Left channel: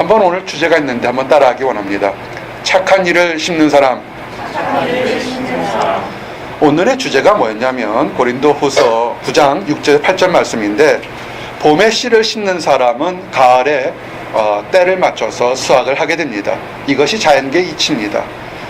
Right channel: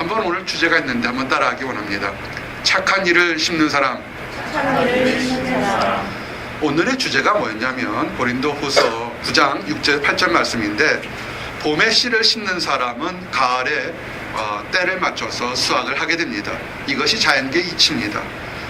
한번 오늘 주제가 있는데 한번 따라하기 원합니다. 착한 일을 심는 사람. 오늘의 주제가 뭐였냐면 고린도후서 9장 6절 8절 말씀인데, 봄에 씨를 심는 사람은 가을에 때를 맞춰서 수확을 하게 됩니다. 이것이 자연계의 이치입니다.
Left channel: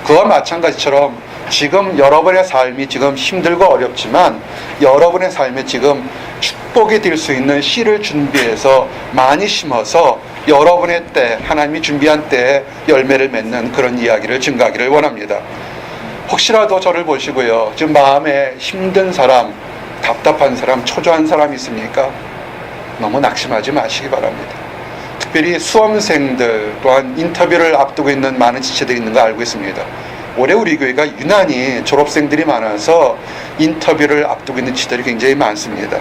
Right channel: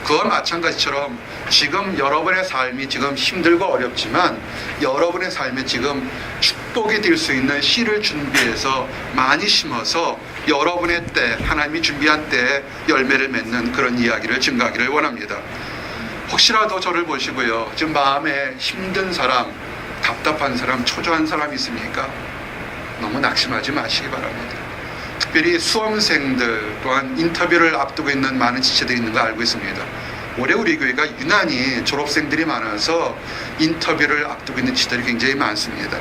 그와 마찬가지처럼 지금 여러분의 삶이 지금 힘들고 어렵지만 여러분의 삶에 지금 축복이 될 수 있는 씨를 준비해서 많이 심어서 여러분의 때, 하나님이 준비한 때에 열매를 맺는 그런 이야기를 증가하기를 원합니다. 혹시라도 저를 보시고요, 지금 마음에 힘든 사람, 답답한 사람, 초조한 사람 있습니까? 너무 낙심하지 마시기 바랍니다. 특별히 수험생들 또한 인터뷰를 앞두고 있는 많은 지체들이 있는 거 알고 있습니다. 올해 우리 교회가 유난히 졸업생들이 많아서 인터뷰를 앞두고 있는 지체들이 굉장히 많습니다.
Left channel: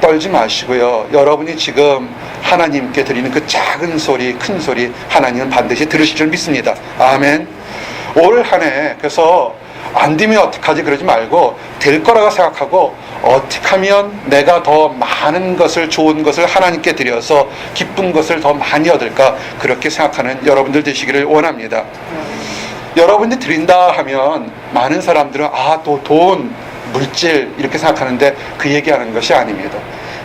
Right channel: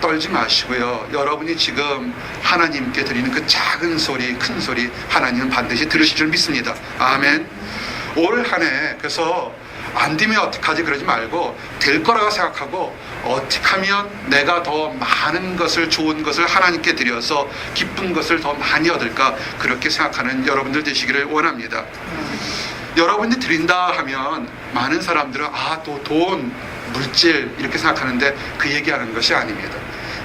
떨지 마시고요, 여러분이 지금 하나님께 드리는 그 작은 소리, 큰 소리 하나님은 반드시 들으실 줄 믿습니다. 아멘. 올 한 해 그래서 안 되면 어떡하지 그러지 말고 될 거라고 생각하고 어떻게 하면 내가 더 많은 것을, 좋은 것을 하나님께 드려서 기쁜 것을 더 많이 얻을까, 그렇게 생각하는 여러분들 되시기를 원합니다. 여러분들이 드린다 하면 많은 사람들은 또 돈, 물질 이렇게 생각하는데 그 얘기하는 것이 아닙니다.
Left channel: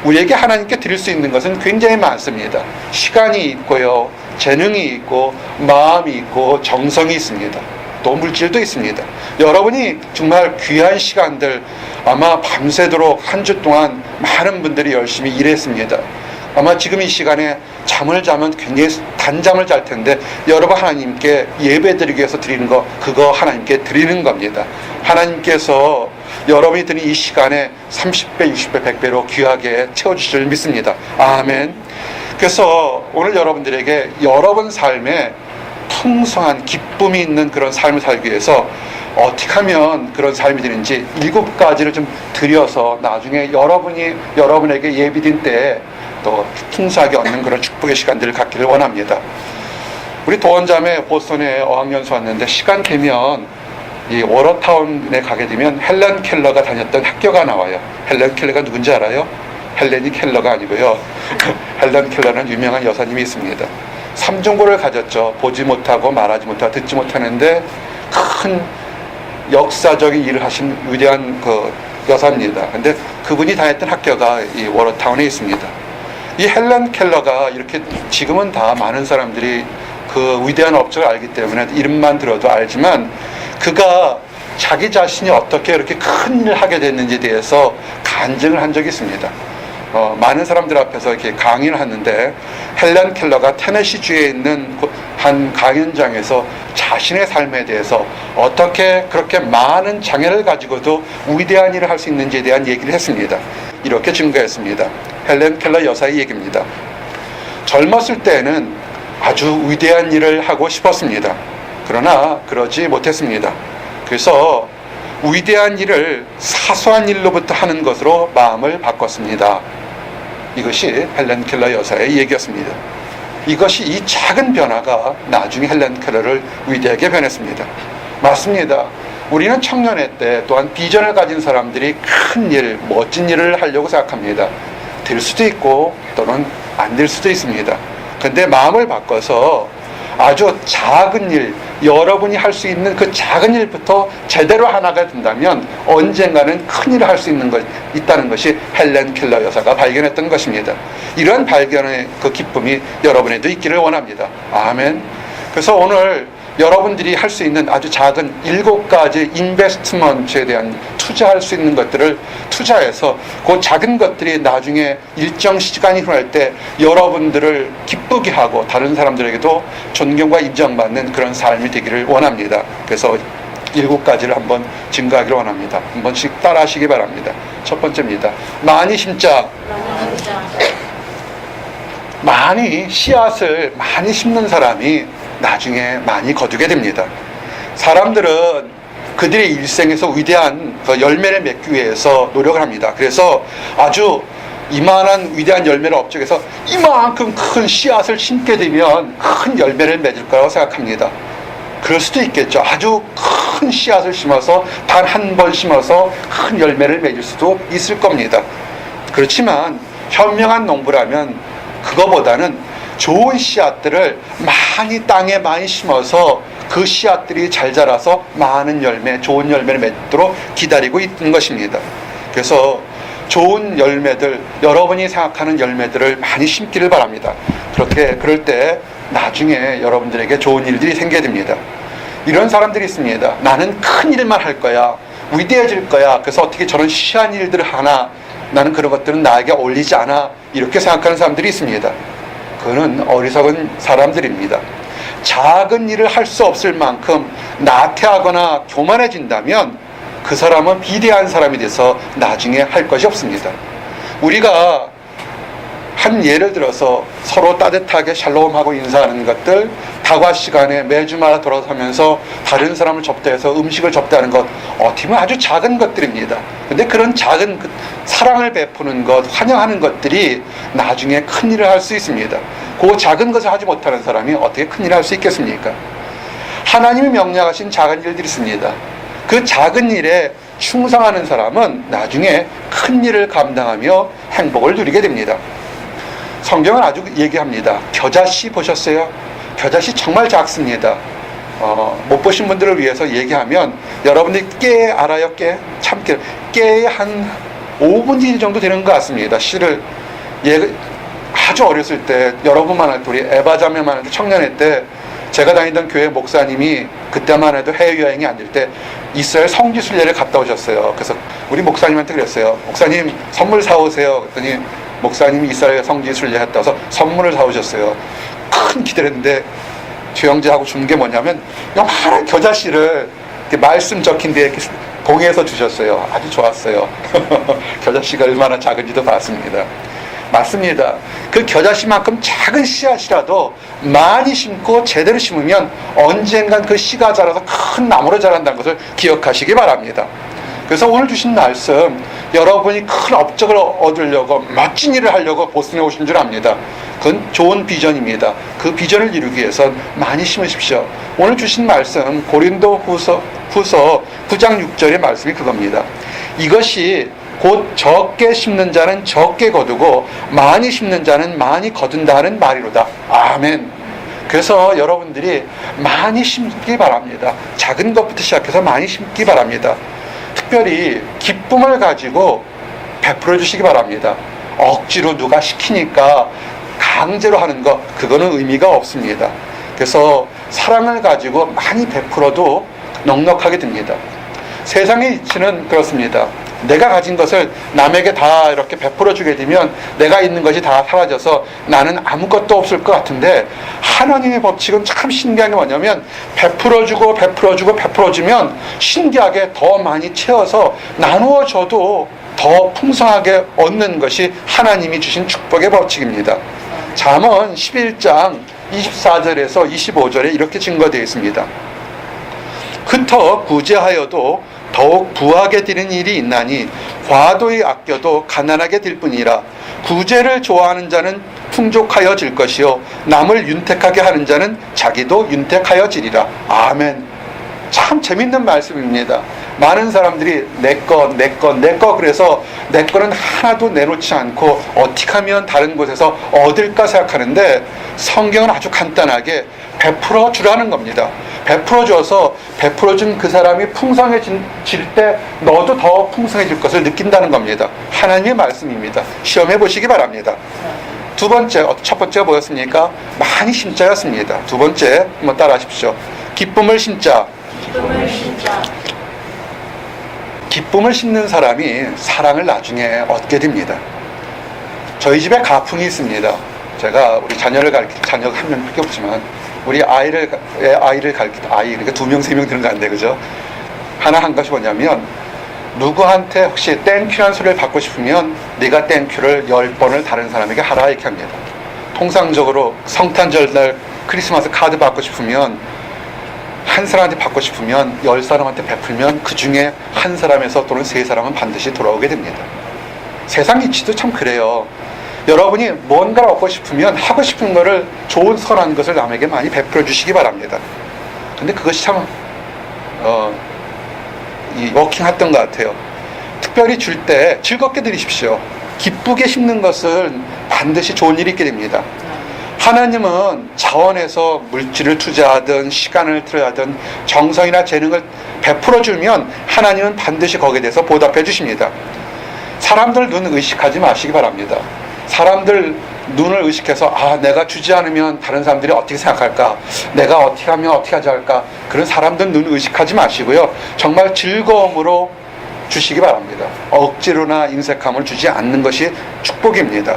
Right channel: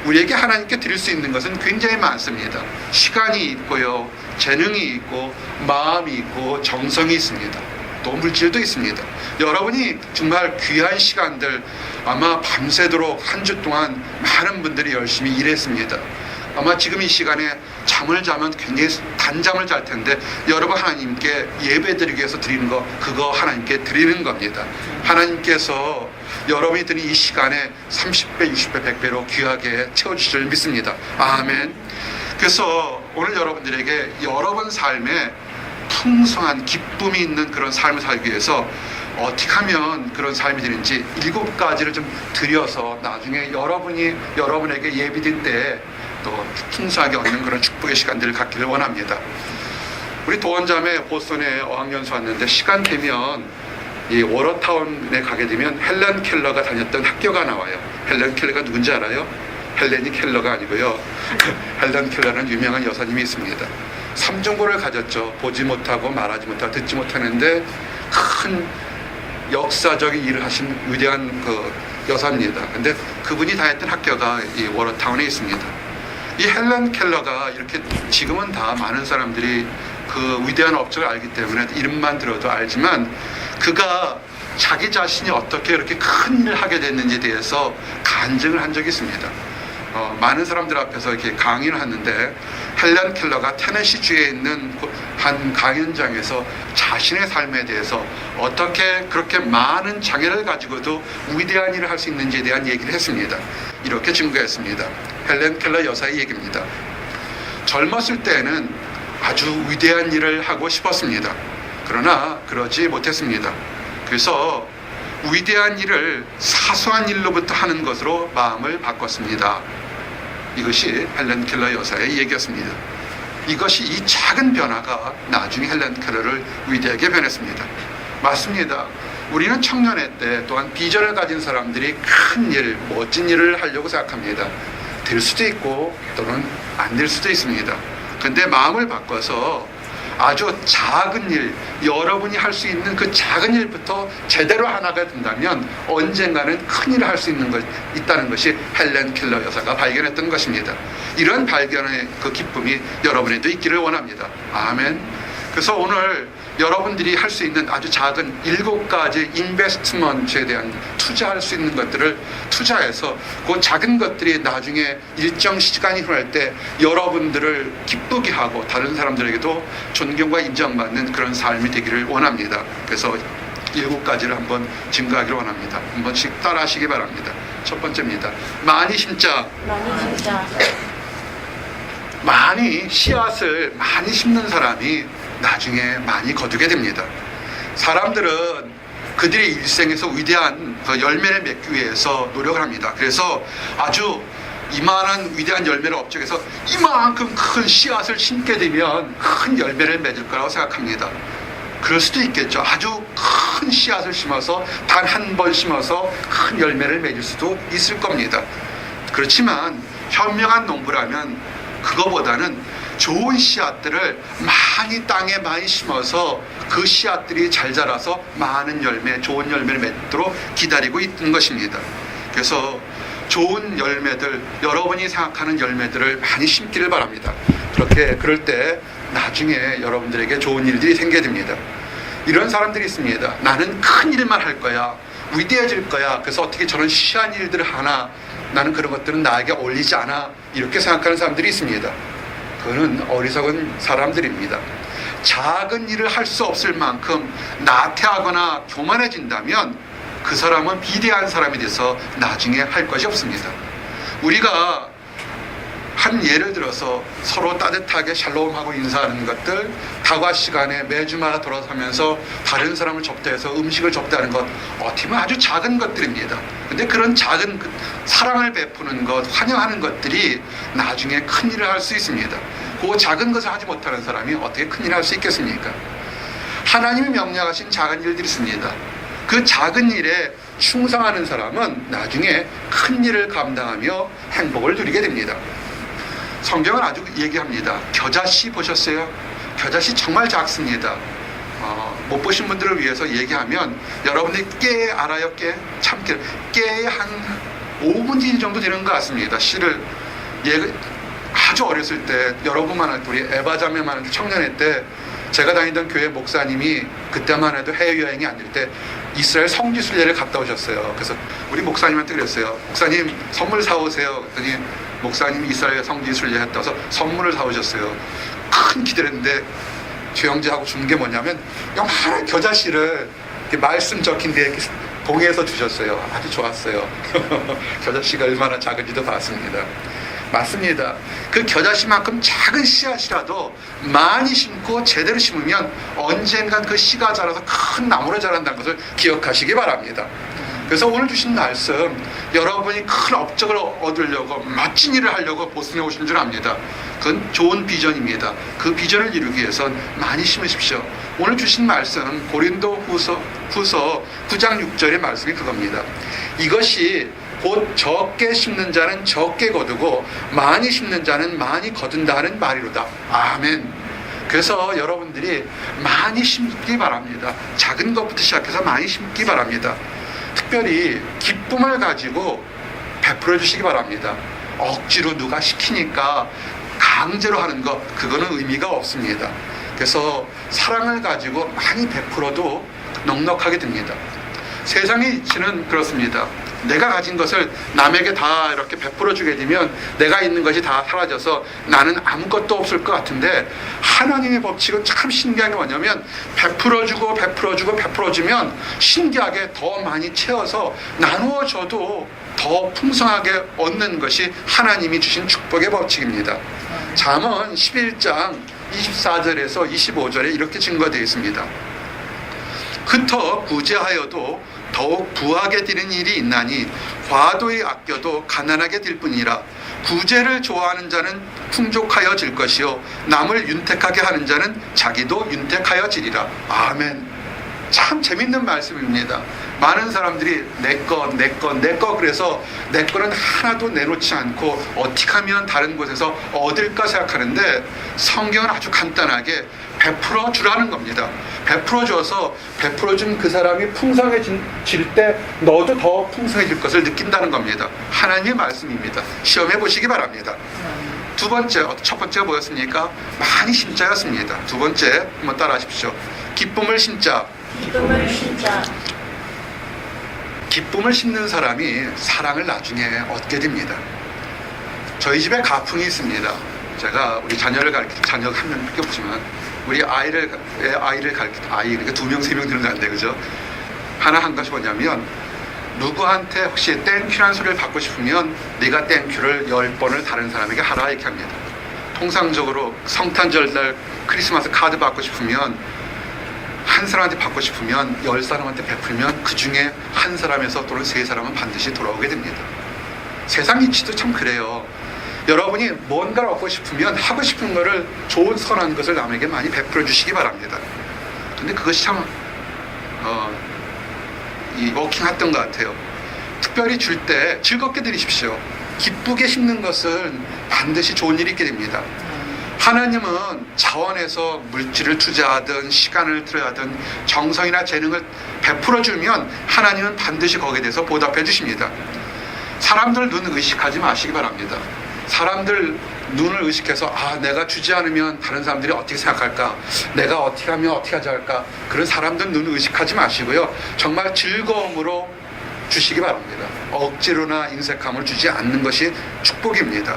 우리에게 하나님께 드릴 수 있는 것은 굉장히 많습니다. 시간이 있고요, 재능이 있고, 마음이 있고, 정성이 있습니다. 또 물질도 있습니다. 여러분이 정말 귀한 시간들, 아마 밤새도록 한 주 동안 많은 분들이 열심히 일했습니다. 아마 지금 이 시간에 잠을 자면 굉장히 단잠을 잘 텐데 여러분 하나님께 예배드리기 위해서 드리는 거, 그거 하나님께 드리는 겁니다. 하나님께서 여러분이 드린 이 시간에 30배, 60배, 100배로 귀하게 채워주실 줄 믿습니다. 아멘. 그래서 오늘 여러분들에게 여러분 삶에 풍성한 기쁨이 있는 그런 삶을 살기 위해서 어떻게 하면 그런 삶이 되는지 7가지를 좀 드려서 나중에 여러분에게 예비된 때에 또 풍성하게 얻는 그런 축복의 시간들을 갖기를 원합니다. 우리 도원자매 보스턴에 어학연수 왔는데 시간 되면 이 워터타운에 가게 되면 헬렌 켈러가 다녔던 학교가 나와요. 헬렌 켈러가 누군지 알아요? 헬렌이 켈러가 아니고요. 헬렌 켈러는 유명한 여사님이 있습니다. 3중고를 가졌죠. 보지 못하고 말하지 못하고 듣지 못하는데 큰 역사적인 일을 하신 위대한 그 여사입니다. 근데 그분이 다녔던 학교가 이 워터타운에 있습니다. 이 헬렌 켈러가 이렇게 지금은 다 많은 사람들이 그 위대한 업적을 알기 때문에 이름만 들어도 알지만, 그가 자기 자신이 어떻게 그렇게 큰 일을 하게 됐는지에 대해서 간증을 한 적이 있습니다. 많은 사람들 앞에서 이렇게 강의를 하는데, 헬렌 켈러가 테네시주에 있는 한 강연장에서 자신의 삶에 대해서 어떻게 그렇게 많은 장애를 가지고도 위대한 일을 할 수 있는지에 대한 얘기를 했습니다. 이렇게 증거했습니다. 헬렌 켈러 여사의 얘기입니다. 젊었을 때는 아주 위대한 일을 하고 싶었습니다. 그러나 그러지 못했습니다. 그래서 위대한 일을 사소한 일로부터 하는 것으로 마음을 바꿨습니다. 이것이 헬렌 켈러 여사의 얘기였습니다. 이것이, 이 작은 변화가 나중에 헬렌 켈러를 위대하게 변했습니다. 맞습니다. 우리는 청년회 때 또한 비전을 가진 사람들이 큰 일, 멋진 일을 하려고 생각합니다. 될 수도 있고 또는 안 될 수도 있습니다. 그런데 마음을 바꿔서 아주 작은 일, 여러분이 할 수 있는 그 작은 일부터 제대로 하나가 된다면 언젠가는 큰 일을 할 수 있는 것 있다는 것이 헬렌 켈러 여사가 발견했던 것입니다. 이런 발견의 그 기쁨이 여러분에도 있기를 원합니다. 아멘. 그래서 오늘 여러분들이 할 수 있는 아주 작은 7가지 인베스트먼트에 대한 투자할 수 있는 것들을 투자해서 그 작은 것들이 나중에 일정 시간이 흐를 때 여러분들을 기쁘게 하고 다른 사람들에게도 존경과 인정받는 그런 삶이 되기를 원합니다. 그래서 7가지를 한번 증가하기를 원합니다. 한 번씩 따라 하시기 바랍니다. 첫 번째입니다. 많이 심자. 많이 씨앗을 많이 심는 사람이 나중에 많이 거두게 됩니다. 사람들은 그들의 일생에서 위대한 열매를 맺기 위해서 노력을 합니다. 그래서 아주 이만한 위대한 열매를 업적해서 이만큼 큰 씨앗을 심게 되면 큰 열매를 맺을 거라고 생각합니다. 그럴 수도 있겠죠. 아주 큰 씨앗을 심어서 단 한 번 심어서 큰 열매를 맺을 수도 있을 겁니다. 그렇지만 현명한 농부라면 그거보다는 좋은 씨앗들을 많이 땅에 많이 심어서 그 씨앗들이 잘 자라서 많은 열매, 좋은 열매를 맺도록 기다리고 있는 것입니다. 그래서 좋은 열매들, 여러분이 생각하는 열매들을 많이 심기를 바랍니다. 그럴 때 나중에 여러분들에게 좋은 일들이 생겨야 됩니다. 이런 사람들이 있습니다. 나는 큰 일만 할 거야, 위대해질 거야, 그래서 어떻게 저런 시한 일들을 하나, 나는 그런 것들은 나에게 어울리지 않아, 이렇게 생각하는 사람들이 있습니다. 그거는 어리석은 사람들입니다. 작은 일을 할 수 없을 만큼 나태하거나 교만해진다면 그 사람은 비대한 사람이 돼서 나중에 할 것이 없습니다. 우리가 한 예를 들어서 서로 따뜻하게 샬롬하고 인사하는 것들, 다과 시간에 매주마다 돌아서면서 다른 사람을 접대해서 음식을 접대하는 것, 어떻게 보면 아주 작은 것들입니다. 근데 그런 작은 사랑을 베푸는 것, 환영하는 것들이 나중에 큰 일을 할 수 있습니다. 그 작은 것을 하지 못하는 사람이 어떻게 큰 일을 할 수 있겠습니까? 하나님이 명령하신 작은 일들이 있습니다. 그 작은 일에 충성하는 사람은 나중에 큰 일을 감당하며 행복을 누리게 됩니다. 성경은 아주 얘기합니다. 겨자씨 보셨어요? 겨자씨 정말 작습니다. 못 보신 분들을 위해서 얘기하면, 여러분들이 깨 알아요? 깨에 한 5분의 1 정도 되는 것 같습니다. 씨를 아주 어렸을 때, 여러분만 할 때, 우리 에바자매만 할 때, 청년회 때 제가 다니던 교회 목사님이 그때만 해도 해외여행이 안 될 때 이스라엘 성지순례를 갔다 오셨어요. 그래서 우리 목사님한테 그랬어요. 목사님 선물 사오세요. 그랬더니 목사님이 이스라엘 성지순례 했다 서 선물을 사오셨어요. 큰 기대를 했는데 주영재하고 준 게 뭐냐면 요만한 겨자씨를 이렇게 말씀 적힌 데에 이렇게 봉해서 주셨어요. 아주 좋았어요. 겨자씨가 얼마나 작은지도 봤습니다. 맞습니다. 그 겨자씨만큼 작은 씨앗이라도 많이 심고 제대로 심으면 언젠간 그 씨가 자라서 큰 나무로 자란다는 것을 기억하시기 바랍니다. 그래서 오늘 주신 말씀, 여러분이 큰 업적을 얻으려고 멋진 일을 하려고 보스턴에 오신 줄 압니다. 그건 좋은 비전입니다. 그 비전을 이루기 위해서 많이 심으십시오. 오늘 주신 말씀 고린도 후서 9장 6절의 말씀이 그겁니다. 이것이 곧 적게 심는 자는 적게 거두고 많이 심는 자는 많이 거둔다 하는 말이로다. 아멘. 그래서 여러분들이 많이 심기 바랍니다. 작은 것부터 시작해서 많이 심기 바랍니다. 특별히 기쁨을 가지고 베풀어 주시기 바랍니다. 억지로 누가 시키니까 강제로 하는 것, 그거는 의미가 없습니다. 그래서 사랑을 가지고 많이 베풀어도 넉넉하게 됩니다. 세상의 이치는 그렇습니다. 내가 가진 것을 남에게 다 이렇게 베풀어 주게 되면 내가 있는 것이 다 사라져서 나는 아무것도 없을 것 같은데, 하나님의 법칙은 참 신기한 게 뭐냐면 베풀어 주면 신기하게 더 많이 채워서 나누어 줘도 더 풍성하게 얻는 것이 하나님이 주신 축복의 법칙입니다. 잠언 11장 24절에서 25절에 이렇게 증거되어 있습니다. 흩어 구제하여도 더욱 부하게 되는 일이 있나니 과도히 아껴도 가난하게 될 뿐이라. 구제를 좋아하는 자는 풍족하여질 것이요 남을 윤택하게 하는 자는 자기도 윤택하여지리라. 아멘. 참 재밌는 말씀입니다. 많은 사람들이 내 거 그래서 내 거는 하나도 내놓지 않고 어떻게 하면 다른 곳에서 얻을까 생각하는데, 성경은 아주 간단하게 베풀어 주라는 겁니다. 베풀어 줘서 베풀어 준 그 사람이 풍성해질 때 너도 더 풍성해질 것을 느낀다는 겁니다. 하나님의 말씀입니다. 시험해 보시기 바랍니다. 첫 번째가 뭐였습니까? 많이 심자였습니다. 두 번째 한번 따라 하십시오. 기쁨을 심자. 기쁨을 심는 사람이 사랑을 나중에 얻게 됩니다. 저희 집에 가풍이 있습니다. 제가 우리 자녀 한 명 키워보지만 우리 아이를 가르칠 때, 그러니까 2명, 3명 되는 거 안 돼, 그죠? 하나 한 것이 뭐냐면, 누구한테 혹시 땡큐라는 소리를 받고 싶으면 네가 땡큐를 10번을 다른 사람에게 하라, 이렇게 합니다. 통상적으로 성탄절 날 크리스마스 카드 받고 싶으면, 한 사람한테 받고 싶으면 10사람한테 베풀면 그 중에 한 사람에서 또는 3사람은 반드시 돌아오게 됩니다. 세상 이치도 참 그래요. 여러분이 뭔가를 얻고 싶으면 하고 싶은 거를, 좋은 선한 것을 남에게 많이 베풀어 주시기 바랍니다. 근데 그것이 참 워킹했던 것 같아요. 특별히 줄 때 즐겁게 드리십시오. 기쁘게 심는 것은 반드시 좋은 일이 있게 됩니다. 하나님은 자원에서 물질을 투자하든 시간을 투자하든 정성이나 재능을 베풀어 주면 하나님은 반드시 거기에 대해서 보답해 주십니다. 사람들 눈 의식하지 마시기 바랍니다. 사람들 눈을 의식해서 내가 주지 않으면 다른 사람들이 어떻게 생각할까, 내가 어떻게 하면 어떻게 하지 할까, 그런 사람들 눈 의식하지 마시고요, 정말 즐거움으로 주시기 바랍니다. 억지로나 인색함을 주지 않는 것이 축복입니다.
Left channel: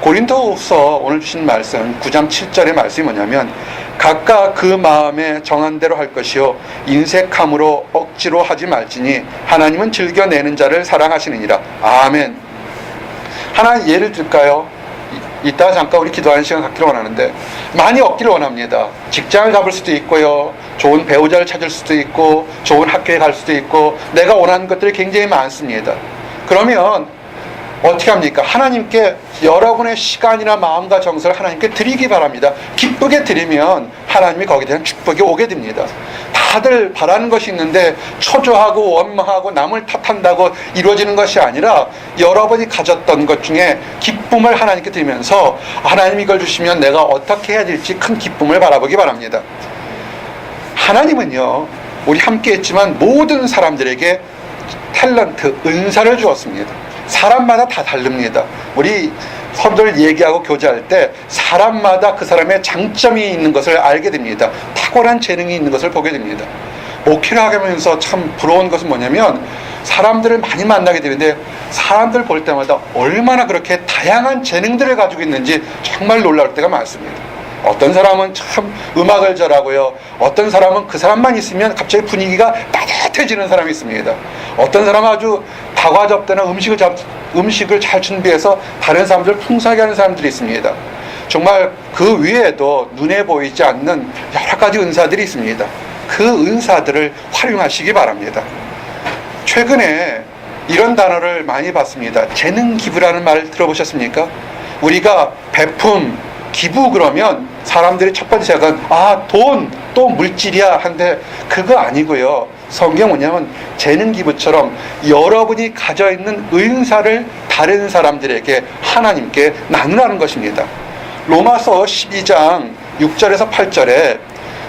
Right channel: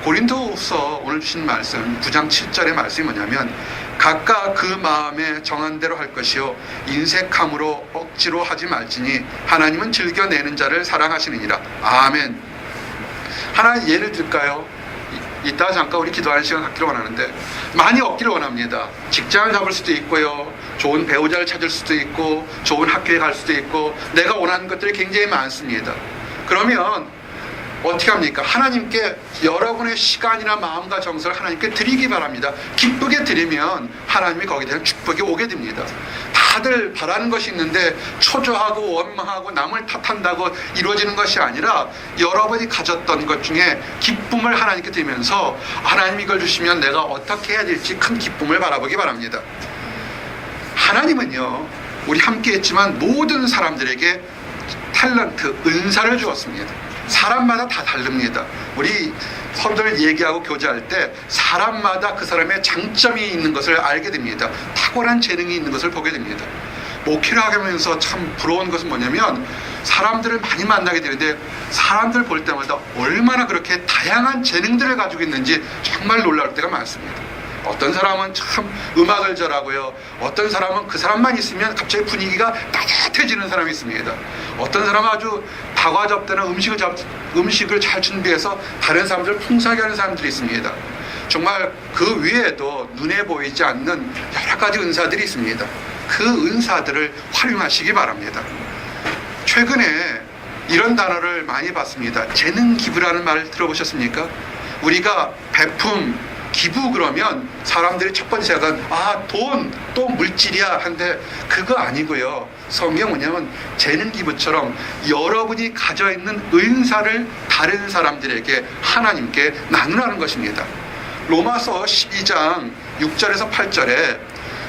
고린도후서 오늘 주신 말씀 9장 7절의 말씀이 뭐냐면, 각각 그 마음에 정한 대로 할 것이요 인색함으로 억지로 하지 말지니 하나님은 즐겨내는 자를 사랑하시느니라. 아멘. 하나 예를 들까요? 이따 잠깐 우리 기도하는 시간 갖기를 원하는데, 많이 얻기를 원합니다. 직장을 잡을 수도 있고요, 좋은 배우자를 찾을 수도 있고, 좋은 학교에 갈 수도 있고, 내가 원하는 것들이 굉장히 많습니다. 그러면 어떻게 합니까? 하나님께 여러분의 시간이나 마음과 정성을 하나님께 드리기 바랍니다. 기쁘게 드리면 하나님이 거기에 대한 축복이 오게 됩니다. 다들 바라는 것이 있는데 초조하고 원망하고 남을 탓한다고 이루어지는 것이 아니라, 여러분이 가졌던 것 중에 기쁨을 하나님께 드리면서 하나님 이걸 주시면 내가 어떻게 해야 될지 큰 기쁨을 바라보기 바랍니다. 하나님은요, 우리 함께 했지만 모든 사람들에게 탤런트, 은사를 주었습니다. 사람마다 다 다릅니다. 우리 서로들 얘기하고 교제할 때 사람마다 그 사람의 장점이 있는 것을 알게 됩니다. 탁월한 재능이 있는 것을 보게 됩니다. 목회를 하면서 참 부러운 것은 뭐냐면, 사람들을 많이 만나게 되는데 사람들 볼 때마다 얼마나 그렇게 다양한 재능들을 가지고 있는지 정말 놀라울 때가 많습니다. 어떤 사람은 참 음악을 잘하고요, 어떤 사람은 그 사람만 있으면 갑자기 분위기가 따뜻해지는 사람이 있습니다. 어떤 사람은 아주 다과접대나 음식을 잘 준비해서 다른 사람들을 풍성하게 하는 사람들이 있습니다. 정말 그 위에도 눈에 보이지 않는 여러 가지 은사들이 있습니다. 그 은사들을 활용하시기 바랍니다. 최근에 이런 단어를 많이 봤습니다. 재능 기부라는 말을 들어보셨습니까? 우리가 베품, 기부 그러면 사람들이 첫 번째 생각은 돈, 또 물질이야 한데, 그거 아니고요. 성경 뭐냐면 재능 기부처럼 여러분이 가져 있는 은사를 다른 사람들에게 하나님께 나누라는 것입니다. 로마서 12장 6절에서 8절에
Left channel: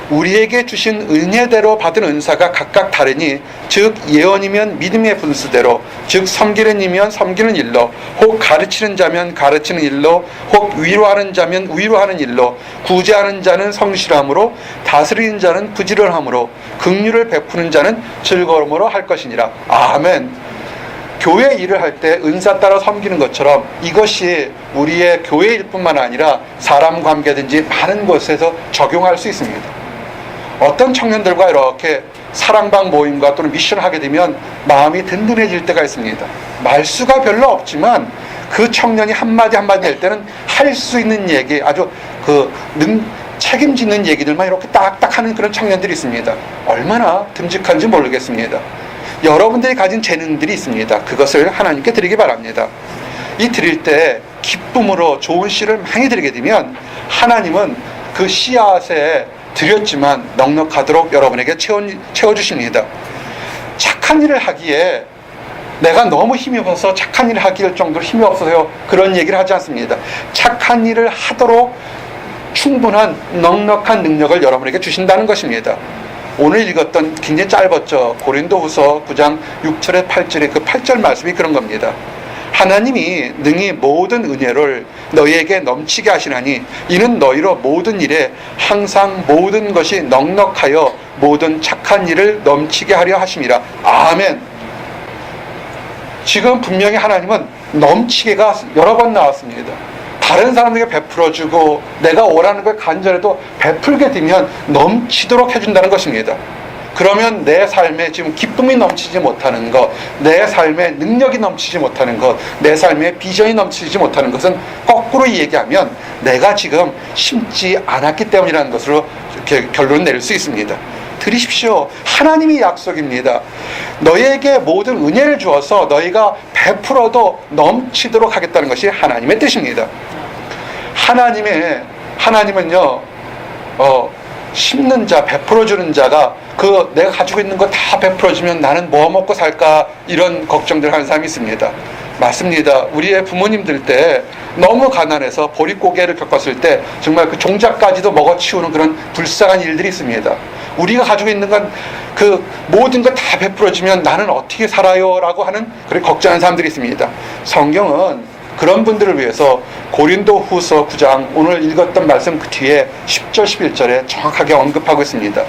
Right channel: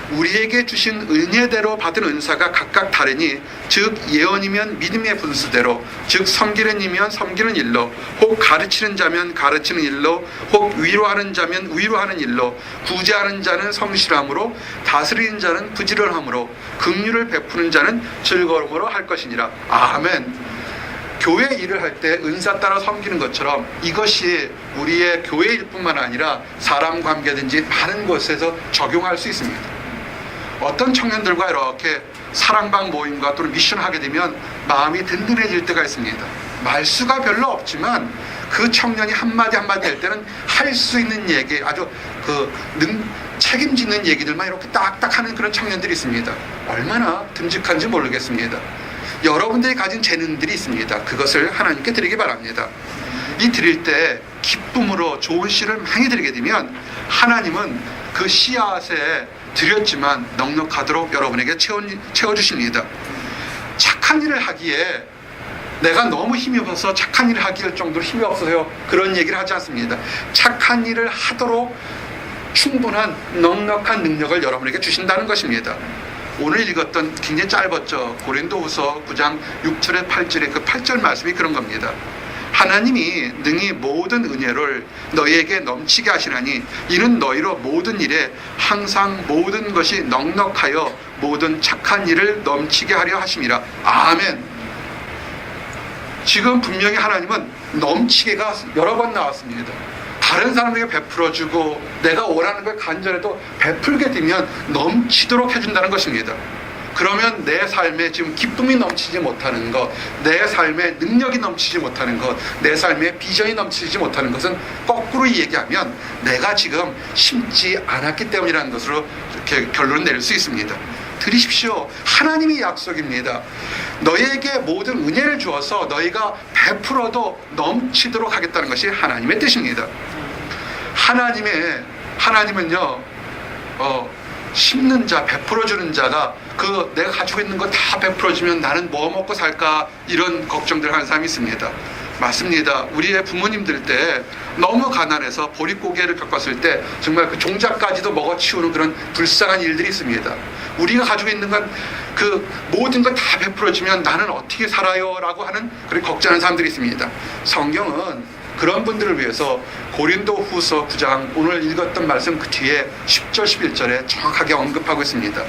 우리에게 주신 은혜대로 받은 은사가 각각 다르니, 즉 예언이면 믿음의 분수대로, 즉 섬기는 이면 섬기는 일로, 혹 가르치는 자면 가르치는 일로, 혹 위로하는 자면 위로하는 일로, 구제하는 자는 성실함으로, 다스리는 자는 부지런함으로, 긍휼을 베푸는 자는 즐거움으로 할 것이니라. 아멘. 교회 일을 할 때 은사 따라 섬기는 것처럼 이것이 우리의 교회 일뿐만 아니라 사람 관계든지 많은 곳에서 적용할 수 있습니다. 어떤 청년들과 이렇게 사랑방 모임과 또는 미션을 하게 되면 마음이 든든해질 때가 있습니다. 말수가 별로 없지만 그 청년이 한마디 한마디 할 때는 할 수 있는 얘기, 아주 책임지는 얘기들만 이렇게 딱딱 하는 그런 청년들이 있습니다. 얼마나 듬직한지 모르겠습니다. 여러분들이 가진 재능들이 있습니다. 그것을 하나님께 드리기 바랍니다. 이 드릴 때 기쁨으로 좋은 씨를 많이 드리게 되면 하나님은 그 씨앗에 드렸지만 넉넉하도록 여러분에게 채워주십니다. 착한 일을 하기에 내가 너무 힘이 없어서 착한 일을 하기 정도로 힘이 없어서요, 그런 얘기를 하지 않습니다. 착한 일을 하도록 충분한 넉넉한 능력을 여러분에게 주신다는 것입니다. 오늘 읽었던 굉장히 짧았죠. 고린도후서 9장 6절에 8절에 그 8절 말씀이 그런 겁니다. 하나님이 능히 모든 은혜를 너희에게 넘치게 하시나니 이는 너희로 모든 일에 항상 모든 것이 넉넉하여 모든 착한 일을 넘치게 하려 하심이라. 아멘. 지금 분명히 하나님은 넘치게가 여러 번 나왔습니다. 다른 사람에게 베풀어주고 내가 원하는 걸 간절해도 베풀게 되면 넘치도록 해준다는 것입니다. 그러면 내 삶에 지금 기쁨이 넘치지 못하는 것, 내 삶에 능력이 넘치지 못하는 것, 내 삶에 비전이 넘치지 못하는 것은 거꾸로 얘기하면 내가 지금 심지 않았기 때문이라는 것으로 이렇게 결론을 내릴 수 있습니다. 들으십시오. 하나님의 약속입니다. 너희에게 모든 은혜를 주어서 너희가 베풀어도 넘치도록 하겠다는 것이 하나님의 뜻입니다. 하나님은요, 심는 자, 베풀어주는 자가 그 내가 가지고 있는 거 다 베풀어주면 나는 뭐 먹고 살까, 이런 걱정들 하는 사람이 있습니다. 맞습니다. 우리의 부모님들 때 너무 가난해서 보릿고개를 겪었을 때 정말 그 종자까지도 먹어치우는 그런 불쌍한 일들이 있습니다. 우리가 가지고 있는 건 그 모든 것 다 베풀어주면 나는 어떻게 살아요? 라고 하는 그런 걱정하는 사람들이 있습니다. 성경은 그런 분들을 위해서 고린도 후서 9장 오늘 읽었던 말씀 그 뒤에 10절 11절에 정확하게 언급하고 있습니다.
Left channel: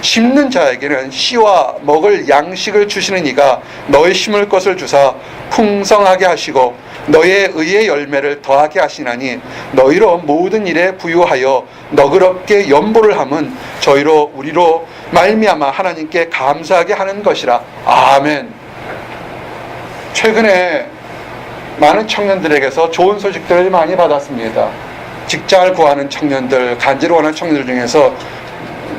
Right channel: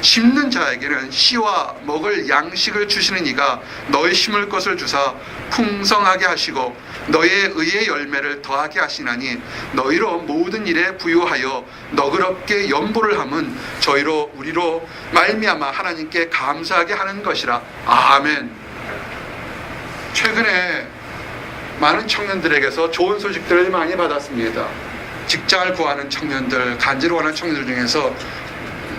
심는 자에게는 씨와 먹을 양식을 주시는 이가 너희 심을 것을 주사 풍성하게 하시고 너희의 의의 열매를 더하게 하시나니 너희로 모든 일에 부유하여 너그럽게 연보를 함은 저희로 우리로 말미암아 하나님께 감사하게 하는 것이라. 아멘. 최근에 많은 청년들에게서 좋은 소식들을 많이 받았습니다. 직장을 구하는 청년들, 간지를 원하는 청년들 중에서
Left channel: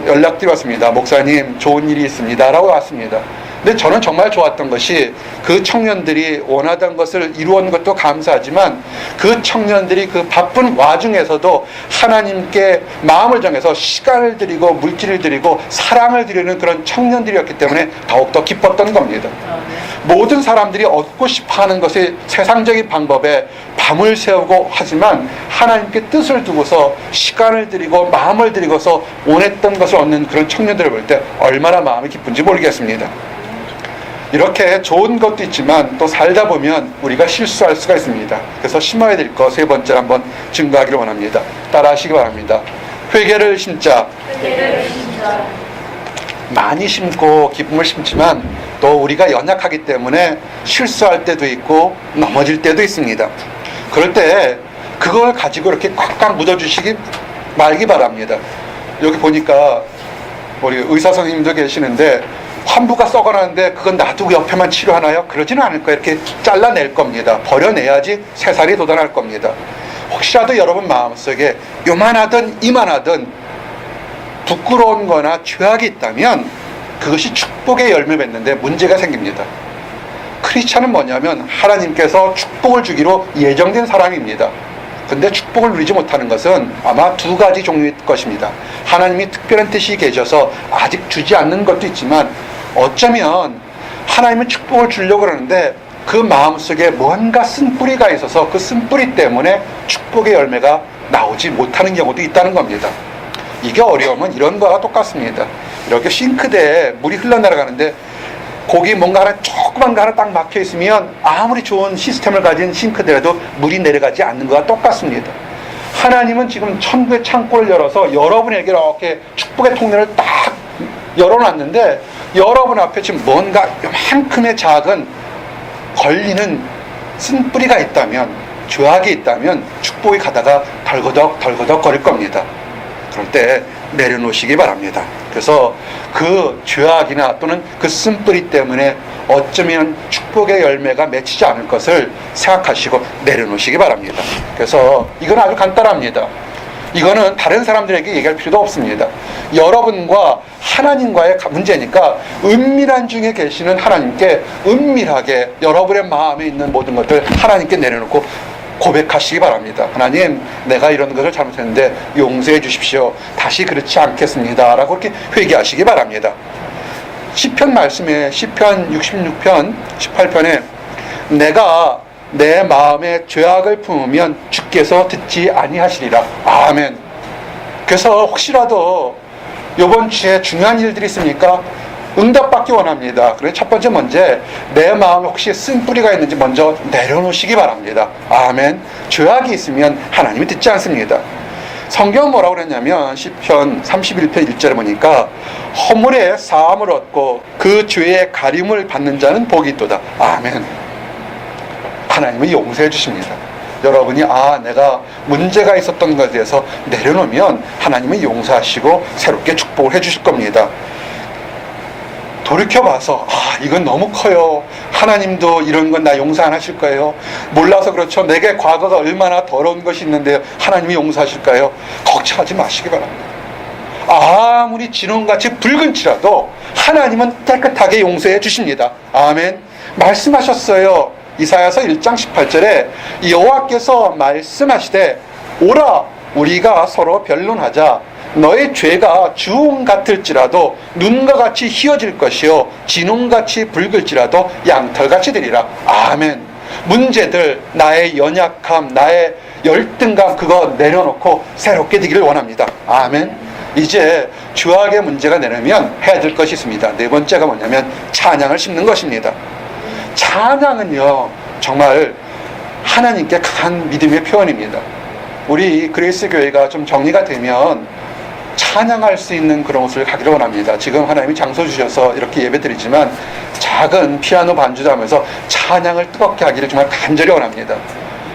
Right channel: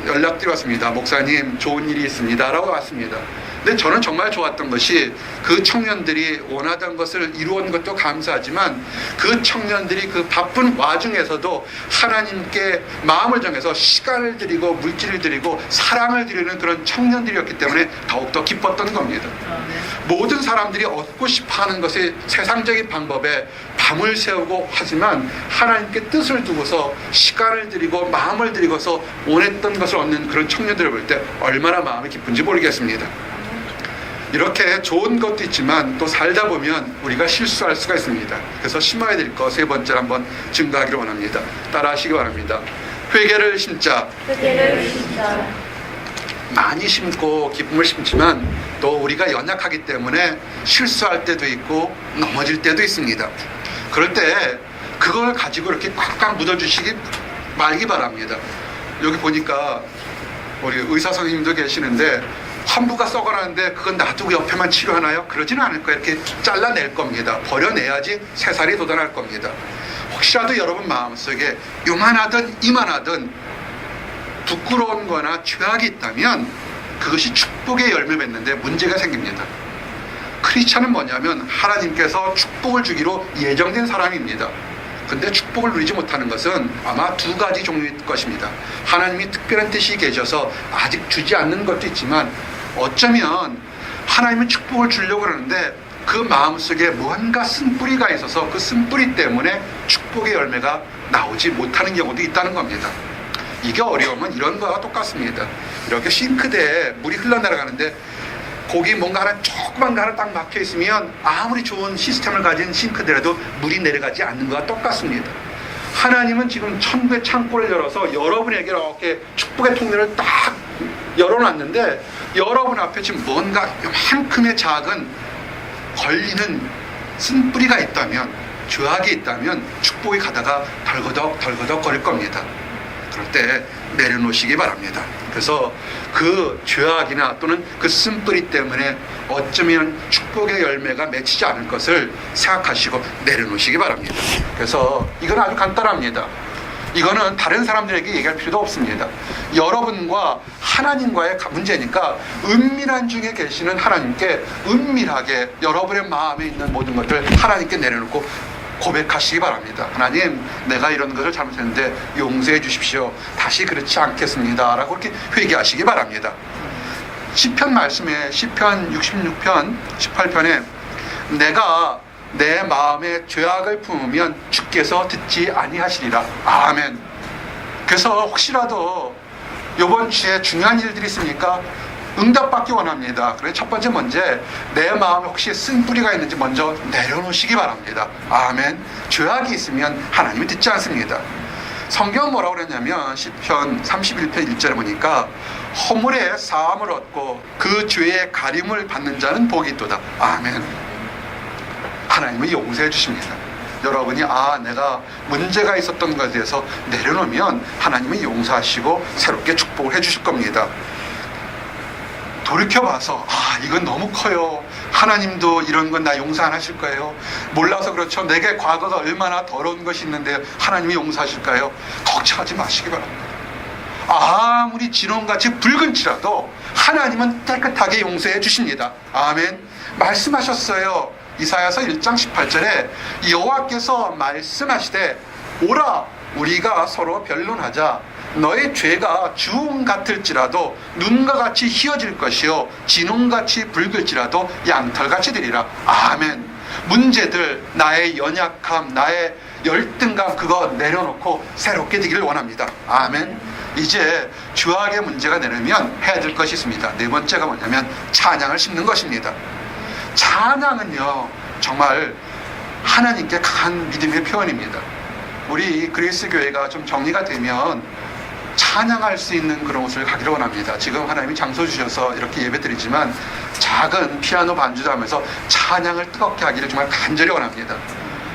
연락들이 왔습니다. 목사님, 좋은 일이 있습니다. 라고 왔습니다. 근데 저는 정말 좋았던 것이 그 청년들이 원하던 것을 이루었는 것도 감사하지만 그 청년들이 그 바쁜 와중에서도 하나님께 마음을 정해서 시간을 드리고 물질을 드리고 사랑을 드리는 그런 청년들이었기 때문에 더욱더 기뻤던 겁니다. 모든 사람들이 얻고 싶어하는 것이 세상적인 방법에 밤을 새우고 하지만 하나님께 뜻을 두고서 시간을 드리고 마음을 드리고서 원했던 것을 얻는 그런 청년들을 볼 때 얼마나 마음이 기쁜지 모르겠습니다. 이렇게 좋은 것도 있지만 또 살다 보면 우리가 실수할 수가 있습니다. 그래서 심어야 될 것 세 번째로 한번 증거하기를 원합니다. 따라 하시기 바랍니다. 회개를 심자. 많이 심고 기쁨을 심지만 또 우리가 연약하기 때문에 실수할 때도 있고 넘어질 때도 있습니다. 그럴 때 그걸 가지고 이렇게 꽉꽉 묻어주시기 말기 바랍니다. 여기 보니까 우리 의사 선생님도 계시는데 환부가 썩어나는데 그건 놔두고 옆에만 치료하나요? 그러지는 않을 거예요. 이렇게 잘라낼 겁니다. 버려내야지 새살이 돋아날 겁니다. 혹시라도 여러분 마음속에 요만하든 이만하든 부끄러운 거나 죄악이 있다면 그것이 축복의 열매 맺는데 문제가 생깁니다. 크리스찬은 뭐냐면 하나님께서 축복을 주기로 예정된 사람입니다. 근데 축복을 누리지 못하는 것은 아마 두 가지 종류일 것입니다. 하나님이 특별한 뜻이 계셔서 아직 주지 않는 것도 있지만 어쩌면 하나님은 축복을 주려고 그러는데 그 마음속에 뭔가 쓴뿌리가 있어서 그 쓴뿌리 때문에 축복의 열매가 나오지 못하는 경우도 있다는 겁니다. 이게 어려움은 이런 거와 똑같습니다. 이렇게 싱크대에 물이 흘러내려가는데 거기 뭔가 하나 조그만 거 하나 딱 막혀 있으면 아무리 좋은 시스템을 가진 싱크대라도 물이 내려가지 않는 것과 똑같습니다. 하나님은 지금 천국의 창고를 열어서 여러분에게 이렇게 축복의 통로를 딱 열어놨는데 여러분 앞에 지금 뭔가 이만큼의 작은 걸리는 쓴뿌리가 있다면, 죄악이 있다면 축복이 가다가 덜거덕 거릴 겁니다. 그럴 때 내려놓으시기 바랍니다. 그래서 그 죄악이나 또는 그 쓴뿌리 때문에 어쩌면 축복의 열매가 맺히지 않을 것을 생각하시고 내려놓으시기 바랍니다. 그래서 이건 아주 간단합니다. 이거는 다른 사람들에게 얘기할 필요도 없습니다. 여러분과 하나님과의 문제니까 은밀한 중에 계시는 하나님께 은밀하게 여러분의 마음에 있는 모든 것들 하나님께 내려놓고 고백하시기 바랍니다. 하나님, 내가 이런 것을 잘못했는데 용서해 주십시오. 다시 그렇지 않겠습니다. 라고 이렇게 회개하시기 바랍니다. 시편 말씀에 시편 66편 18편에 내가 내 마음에 죄악을 품으면 주께서 듣지 아니하시리라. 아멘. 그래서 혹시라도 이번 주에 중요한 일들이 있습니까? 응답받기 원합니다. 그래서 첫 번째 문제, 내 마음에 혹시 쓴뿌리가 있는지 먼저 내려놓으시기 바랍니다. 아멘. 죄악이 있으면 하나님이 듣지 않습니다. 성경은 뭐라고 그랬냐면 시편 31편 1절에 보니까 허물의 사함을 얻고 그 죄의 가림을 받는 자는 복이 있도다. 아멘. 하나님은 용서해 주십니다. 여러분이 내가 문제가 있었던 것에 대해서 내려놓으면 하나님은 용서하시고 새롭게 축복을 해 주실 겁니다. 돌이켜봐서 이건 너무 커요. 하나님도 이런 건 나 용서 안 하실 거예요. 몰라서 그렇죠. 내게 과거가 얼마나 더러운 것이 있는데 하나님이 용서하실까요? 걱정하지 마시기 바랍니다. 아무리 진홍같이 붉은치라도 하나님은 깨끗하게 용서해 주십니다. 아멘. 말씀하셨어요. 이사야서 1장 18절에 여호와께서 말씀하시되 오라 우리가 서로 변론하자. 너의 죄가 주홍 같을지라도 눈과 같이 희어질 것이요 진홍같이 붉을지라도 양털같이 되리라. 아멘. 문제들, 나의 연약함, 나의 열등감 그거 내려놓고 새롭게 되기를 원합니다. 아멘. 이제 주악의 문제가 내려면 해야 될 것이 있습니다. 네 번째가 뭐냐면 찬양을 심는 것입니다. 찬양은요 정말 하나님께 강한 믿음의 표현입니다. 우리 그레이스 교회가 좀 정리가 되면 찬양할 수 있는 그런 곳을 가기를 원합니다. 지금 하나님이 장소 주셔서 이렇게 예배드리지만 작은 피아노 반주도 하면서 찬양을 뜨겁게 하기를 정말 간절히 원합니다.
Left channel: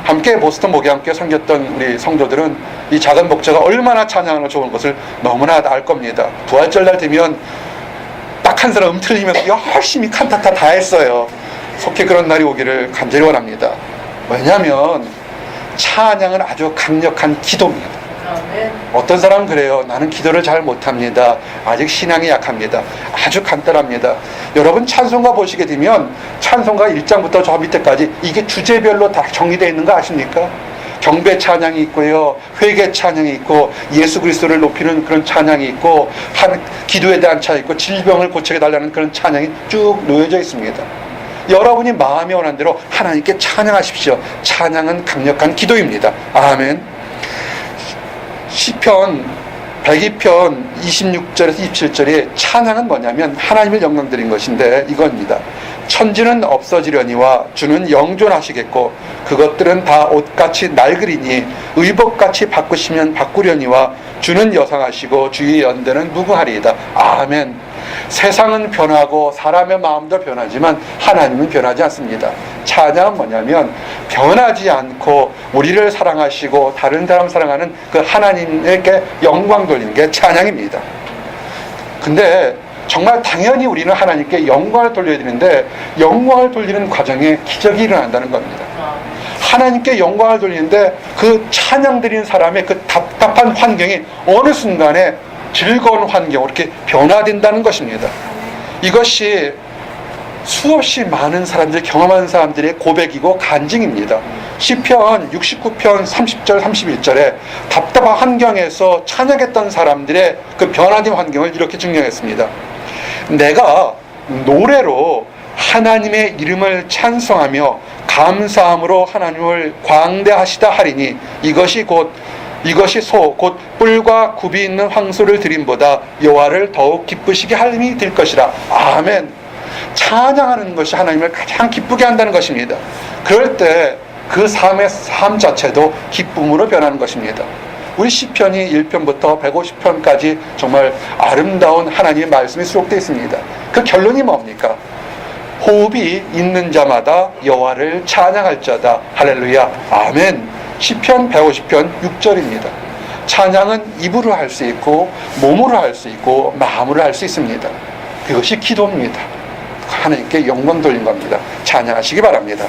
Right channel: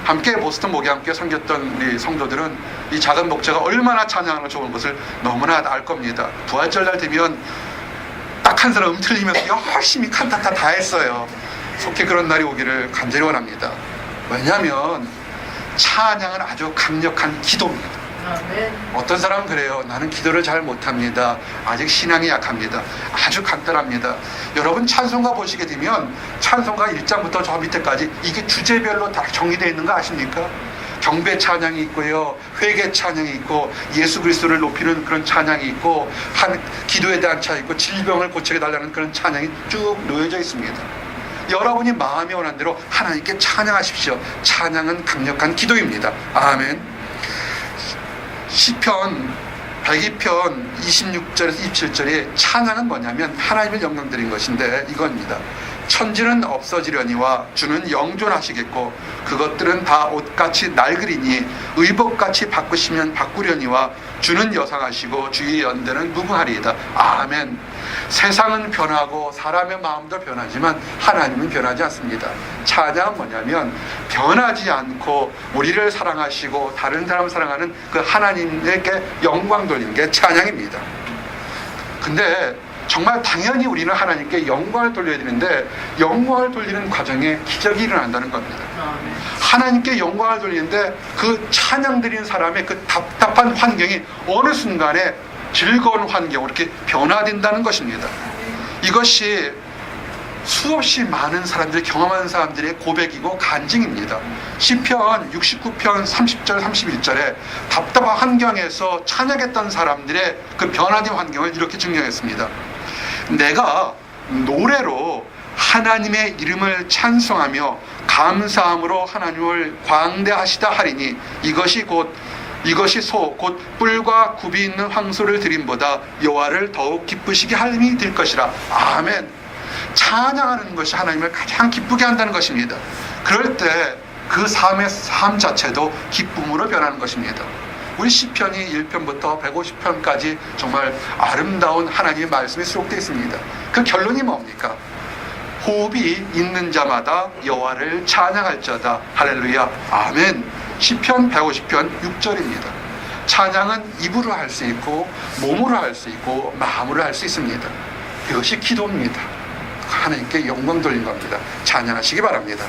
함께 보스턴 목양교회 섬겼던 우리 성도들은 이 작은 목자가 얼마나 찬양하는 좋은 것을 너무나 알 겁니다. 부활절날 되면 딱 한 사람 틀리면서 열심히 칸타타 다 했어요. 속히 그런 날이 오기를 간절히 원합니다. 왜냐하면 찬양은 아주 강력한 기도입니다. 어떤 사람은 그래요. 나는 기도를 잘 못합니다. 아직 신앙이 약합니다. 아주 간단합니다. 여러분 찬송가 보시게 되면 찬송가 1장부터 저 밑에까지 이게 주제별로 다 정리되어 있는 거 아십니까? 경배 찬양이 있고요, 회개 찬양이 있고, 예수 그리스도를 높이는 그런 찬양이 있고, 기도에 대한 찬양이 있고, 질병을 고치게 달라는 그런 찬양이 쭉 놓여져 있습니다. 여러분이 마음에 원한 대로 하나님께 찬양하십시오. 찬양은 강력한 기도입니다. 아멘. 시편 102편 26절에서 27절에 찬양은 뭐냐면 하나님을 영광드린 것인데 이겁니다. 천지는 없어지려니와 주는 영존하시겠고 그것들은 다 옷같이 낡으리니 의복같이 바꾸시면 바꾸려니와 주는 여상하시고 주의 연대는 무궁하리이다. 아멘. 세상은 변하고 사람의 마음도 변하지만 하나님은 변하지 않습니다. 찬양은 뭐냐면 변하지 않고 우리를 사랑하시고 다른 사람 사랑하는 그 하나님에게 영광 돌리는 게 찬양입니다. 근데 정말 당연히 우리는 하나님께 영광을 돌려야 되는데 영광을 돌리는 과정에 기적이 일어난다는 겁니다. 하나님께 영광을 돌리는데 그 찬양 드리는 사람의 그 답답한 환경이 어느 순간에 즐거운 환경으로 이렇게 변화된다는 것입니다. 이것이 수없이 많은 사람들이 경험한 사람들의 고백이고 간증입니다. 시편 69편 30절 31절에 답답한 환경에서 찬양했던 사람들의 그 변화된 환경을 이렇게 증명했습니다. 내가 노래로 하나님의 이름을 찬송하며 감사함으로 하나님을 광대하시다 하리니 이것이 소 곧 뿔과 굽이 있는 황소를 드림보다 여호와를 더욱 기쁘시게 함이 될 것이라. 아멘. 찬양하는 것이 하나님을 가장 기쁘게 한다는 것입니다. 그럴 때 그 삶 자체도 기쁨으로 변하는 것입니다. 우리 시편이 1편부터 150편까지 정말 아름다운 하나님의 말씀이 수록되어 있습니다. 그 결론이 뭡니까? 호흡이 있는 자마다 여호와를 찬양할지어다. 할렐루야. 아멘. 시편 150편 6절입니다. 찬양은 입으로 할 수 있고 몸으로 할 수 있고 마음으로 할 수 있습니다. 그것이 기도입니다. 하나님께 영광 돌린 겁니다. 찬양하시기 바랍니다.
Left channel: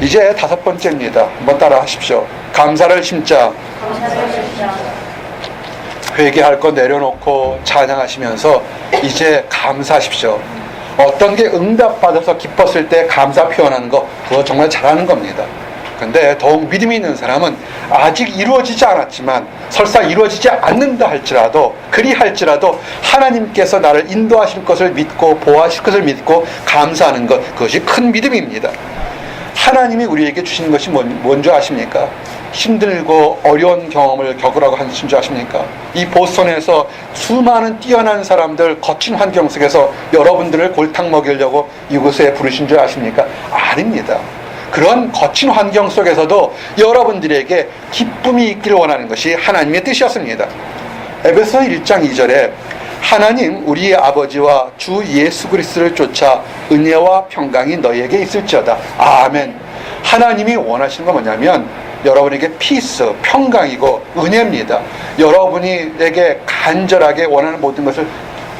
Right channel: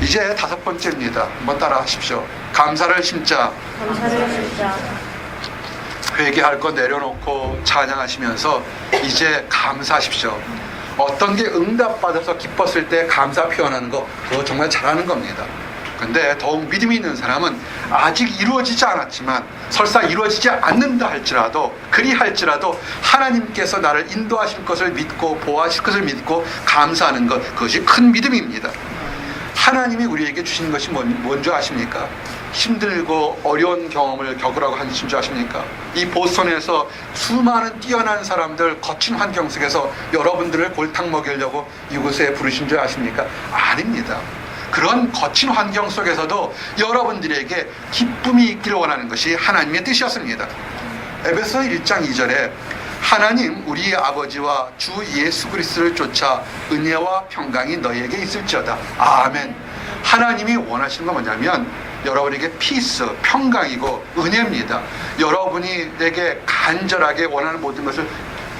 이제 5번째입니다. 한번 따라 하십시오. 감사를 심자. 회개할 거 내려놓고 찬양하시면서 이제 감사하십시오. 어떤 게 응답받아서 기뻤을 때 감사 표현하는 거 그거 정말 잘하는 겁니다. 근데 더욱 믿음이 있는 사람은 아직 이루어지지 않았지만 설사 이루어지지 않는다 할지라도 그리할지라도 하나님께서 나를 인도하실 것을 믿고 보호하실 것을 믿고 감사하는 것 그것이 큰 믿음입니다. 하나님이 우리에게 주신 것이 뭔지 아십니까? 힘들고 어려운 경험을 겪으라고 하신 줄 아십니까? 이 보스턴에서 수많은 뛰어난 사람들 거친 환경 속에서 여러분들을 골탕 먹이려고 이곳에 부르신 줄 아십니까? 아닙니다. 그런 거친 환경 속에서도 여러분들에게 기쁨이 있기를 원하는 것이 하나님의 뜻이었습니다. 에베소 1장 2절에 하나님 우리의 아버지와 주 예수 그리스도를 쫓아 은혜와 평강이 너희에게 있을지어다. 아멘. 하나님이 원하시는 건 뭐냐면 여러분에게 피스, 평강이고 은혜입니다. 여러분에게 간절하게 원하는 모든 것을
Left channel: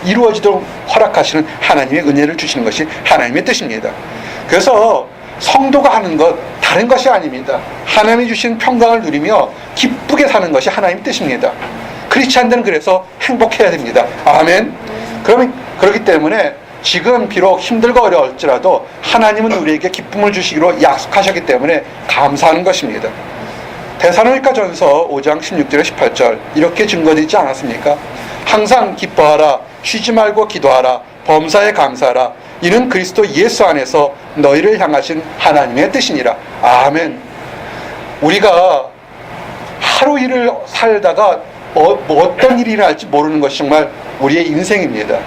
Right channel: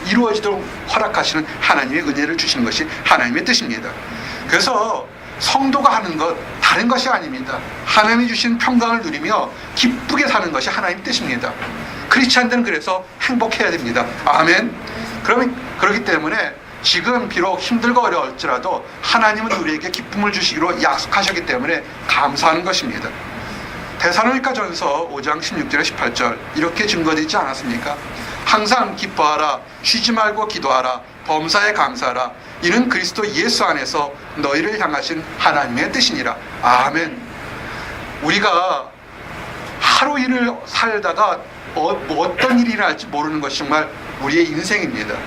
이루어지도록 허락하시는 하나님의 은혜를 주시는 것이 하나님의 뜻입니다. 그래서 성도가 하는 것 다른 것이 아닙니다. 하나님이 주신 평강을 누리며 기쁘게 사는 것이 하나님의 뜻입니다. 크리스찬들은 그래서 행복해야 됩니다. 아멘. 그렇기 때문에 지금 비록 힘들고 어려울지라도 하나님은 우리에게 기쁨을 주시기로 약속하셨기 때문에 감사하는 것입니다. 데살로니가전서 5장 16절에 18절 이렇게 증거되어 있지 않았습니까? 항상 기뻐하라, 쉬지 말고 기도하라, 범사에 감사하라, 이는 그리스도 예수 안에서 너희를 향하신 하나님의 뜻이니라. 아멘. 우리가 하루 일을 살다가 어떤 일이 일어날지 모르는 것이 정말 우리의 인생입니다.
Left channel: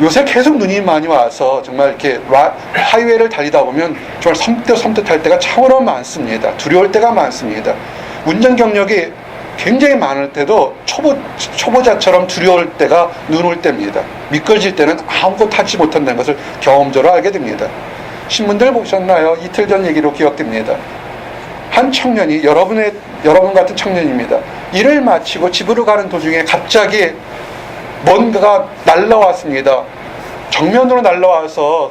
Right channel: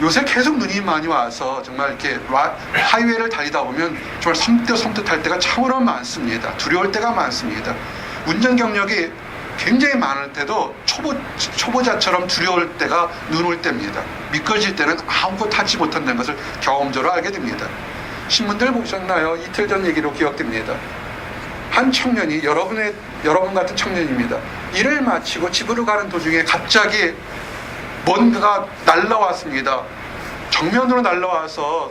요새 계속 눈이 많이 와서 정말 이렇게 하이웨이를 달리다 보면 정말 섬뜩할 때가 참으로 많습니다. 두려울 때가 많습니다. 운전 경력이 굉장히 많을 때도 초보자처럼 두려울 때가 눈 올 때입니다. 미끄러질 때는 아무것도 하지 못한다는 것을 경험적으로 알게 됩니다. 신문들 보셨나요? 이틀 전 얘기로 기억됩니다. 한 청년이 여러분 같은 청년입니다. 일을 마치고 집으로 가는 도중에 갑자기 뭔가가 날라왔습니다. 정면으로 날라와서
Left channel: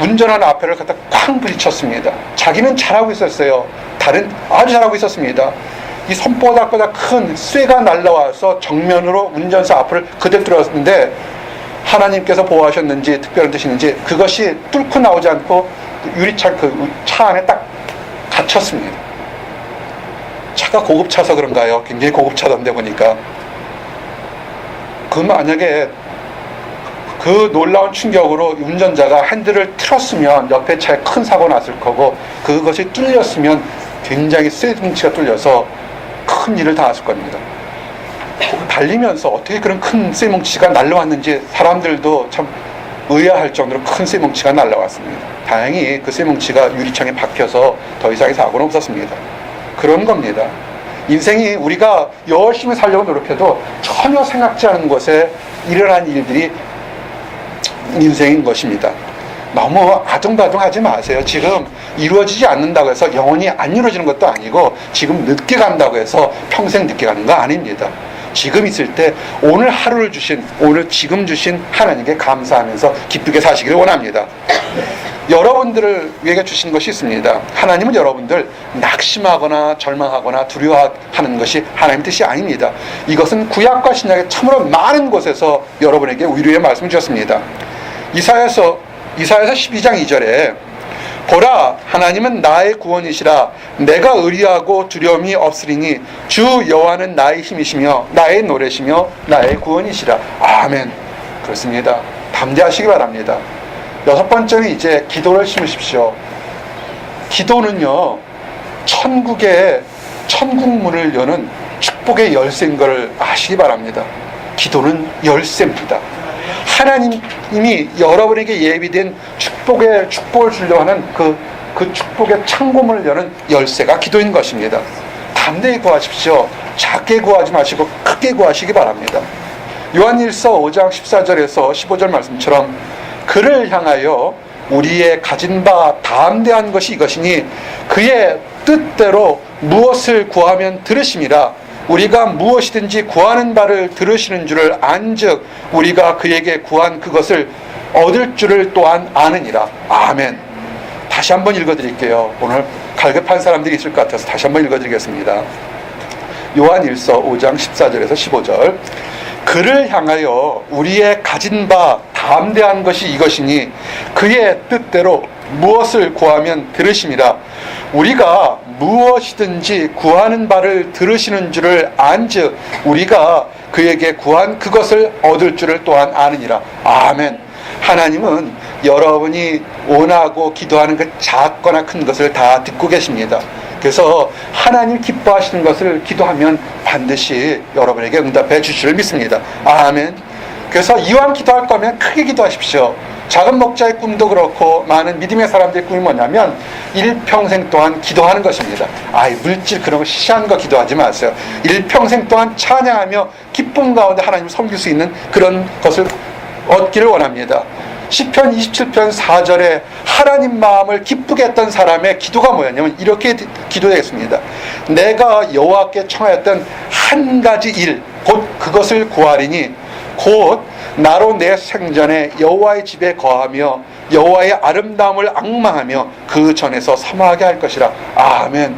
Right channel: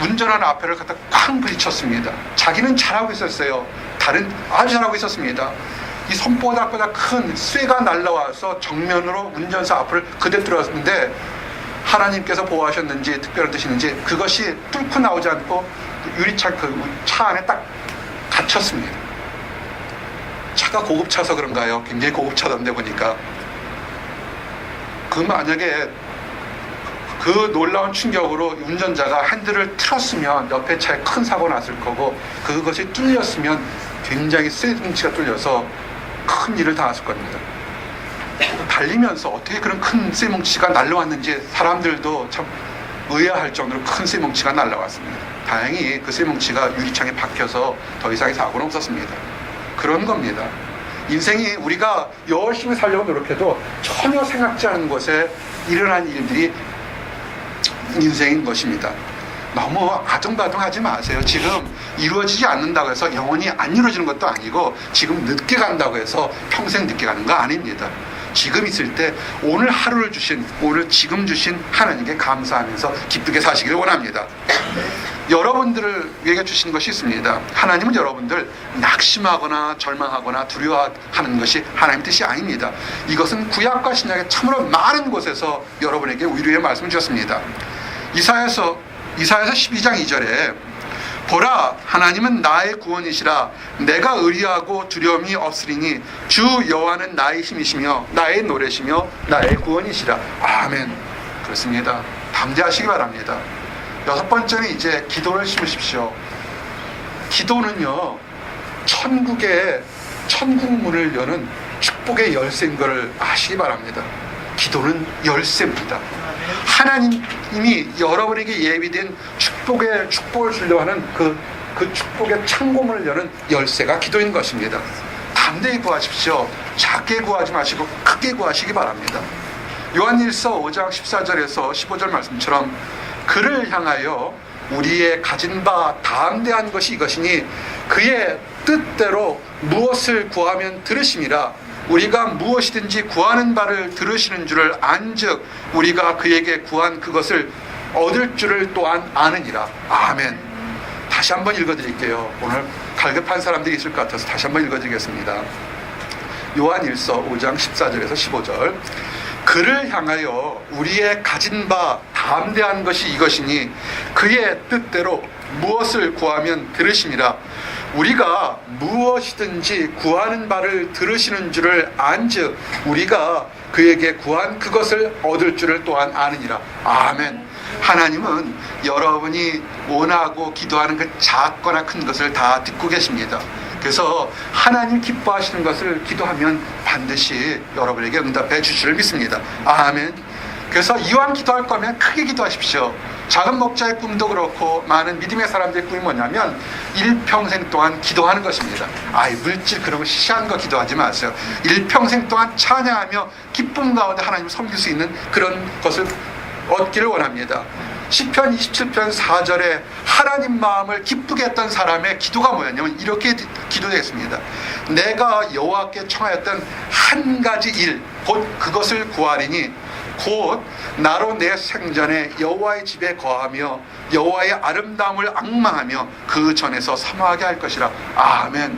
운전하는 앞에를 갖다 쾅 부딪혔습니다. 자기는 잘하고 있었어요. 아주 잘하고 있었습니다. 이 손바닥보다 큰 쇠가 날라와서 정면으로 운전사 앞을 그대로 뚫었는데 하나님께서 보호하셨는지 특별한 뜻이는지 그것이 뚫고 나오지 않고 유리창 그 차 안에 딱 갇혔습니다. 차가 고급차서 그런가요? 굉장히 고급차던데 보니까. 만약에 그 놀라운 충격으로 운전자가 핸들을 틀었으면 옆에 차에 큰 사고 났을 거고 그것이 뚫렸으면 굉장히 쇠뭉치가 뚫려서 큰 일을 당했을 겁니다. 달리면서 어떻게 그런 큰 쇠뭉치가 날라왔는지 사람들도 참 의아할 정도로 큰 쇠뭉치가 날라왔습니다. 다행히 그 쇠뭉치가 유리창에 박혀서 더 이상의 사고는 없었습니다. 그런 겁니다. 인생이 우리가 열심히 살려고 노력해도 전혀 생각지 않은 곳에 일어난 일들이 인생인 것입니다. 너무 아둥바둥하지 마세요. 지금 이루어지지 않는다고 해서 영원히 안 이루어지는 것도 아니고 지금 늦게 간다고 해서 평생 늦게 가는 거 아닙니다. 지금 있을 때 오늘 하루를 지금 주신 하나님께 감사하면서 기쁘게 사시기를 원합니다. 여러분들을 위해 주신 것이 있습니다. 하나님은 여러분들 낙심하거나 절망하거나 두려워하는 것이 하나님의 뜻이 아닙니다. 이것은 구약과 신약의 참으로 많은 곳에서 여러분에게 위로의 말씀을 주셨습니다. 이사야서 12장 2절에 보라 하나님은 나의 구원이시라 내가 의리하고 두려움이 없으리니 주 여호와는 나의 힘이시며 나의 노래시며 나의 구원이시라. 아멘. 그렇습니다. 담대하시기 바랍니다. 6번째는 이제 기도를 심으십시오. 기도는요 천국의 천국문을 여는 축복의 열쇠인 것을 아시기 바랍니다. 기도는 열쇠입니다. 하나님이 여러분에게 예비된 축복을 주려고 하는 그 축복의 창고문을 여는 열쇠가 기도인 것입니다. 담대히 구하십시오. 작게 구하지 마시고 크게 구하시기 바랍니다. 요한일서 5장 14절에서 15절 말씀처럼 그를 향하여 우리의 가진 바 담대한 것이 이것이니 그의 뜻대로 무엇을 구하면 들으심이라. 우리가 무엇이든지 구하는 바를 들으시는 줄을 안즉 우리가 그에게 구한 그것을 얻을 줄을 또한 아느니라. 아멘. 다시 한번 읽어드릴게요. 오늘 갈급한 사람들이 있을 것 같아서 다시 한번 읽어드리겠습니다. 요한일서 5장 14절에서 15절 그를 향하여 우리의 가진 바 담대한 것이 이것이니 그의 뜻대로 무엇을 구하면 들으심이라. 우리가 무엇이든지 구하는 바를 들으시는 줄을 안즉 우리가 그에게 구한 그것을 얻을 줄을 또한 아느니라. 아멘. 하나님은 여러분이 원하고 기도하는 그 작거나 큰 것을 다 듣고 계십니다. 그래서 하나님 기뻐하시는 것을 기도하면 반드시 여러분에게 응답해 주실 줄 믿습니다. 아멘. 그래서 이왕 기도할 거면 크게 기도하십시오. 작은 목자의 꿈도 그렇고 많은 믿음의 사람들의 꿈이 뭐냐면 일평생 동안 기도하는 것입니다. 물질 그런 거 시시한 거 기도하지 마세요. 일평생 동안 찬양하며 기쁨 가운데 하나님을 섬길 수 있는 그런 것을 얻기를 원합니다. 시편 27편 4절에 하나님 마음을 기쁘게 했던 사람의 기도가 뭐였냐면 이렇게 기도했습니다. 내가 여호와께 청하였던 한 가지 일 곧 그것을 구하리니 곧 나로 내 생전에 여호와의 집에 거하며 여호와의 아름다움을 앙망하며 그 전에서 사모하게 할 것이라. 아멘.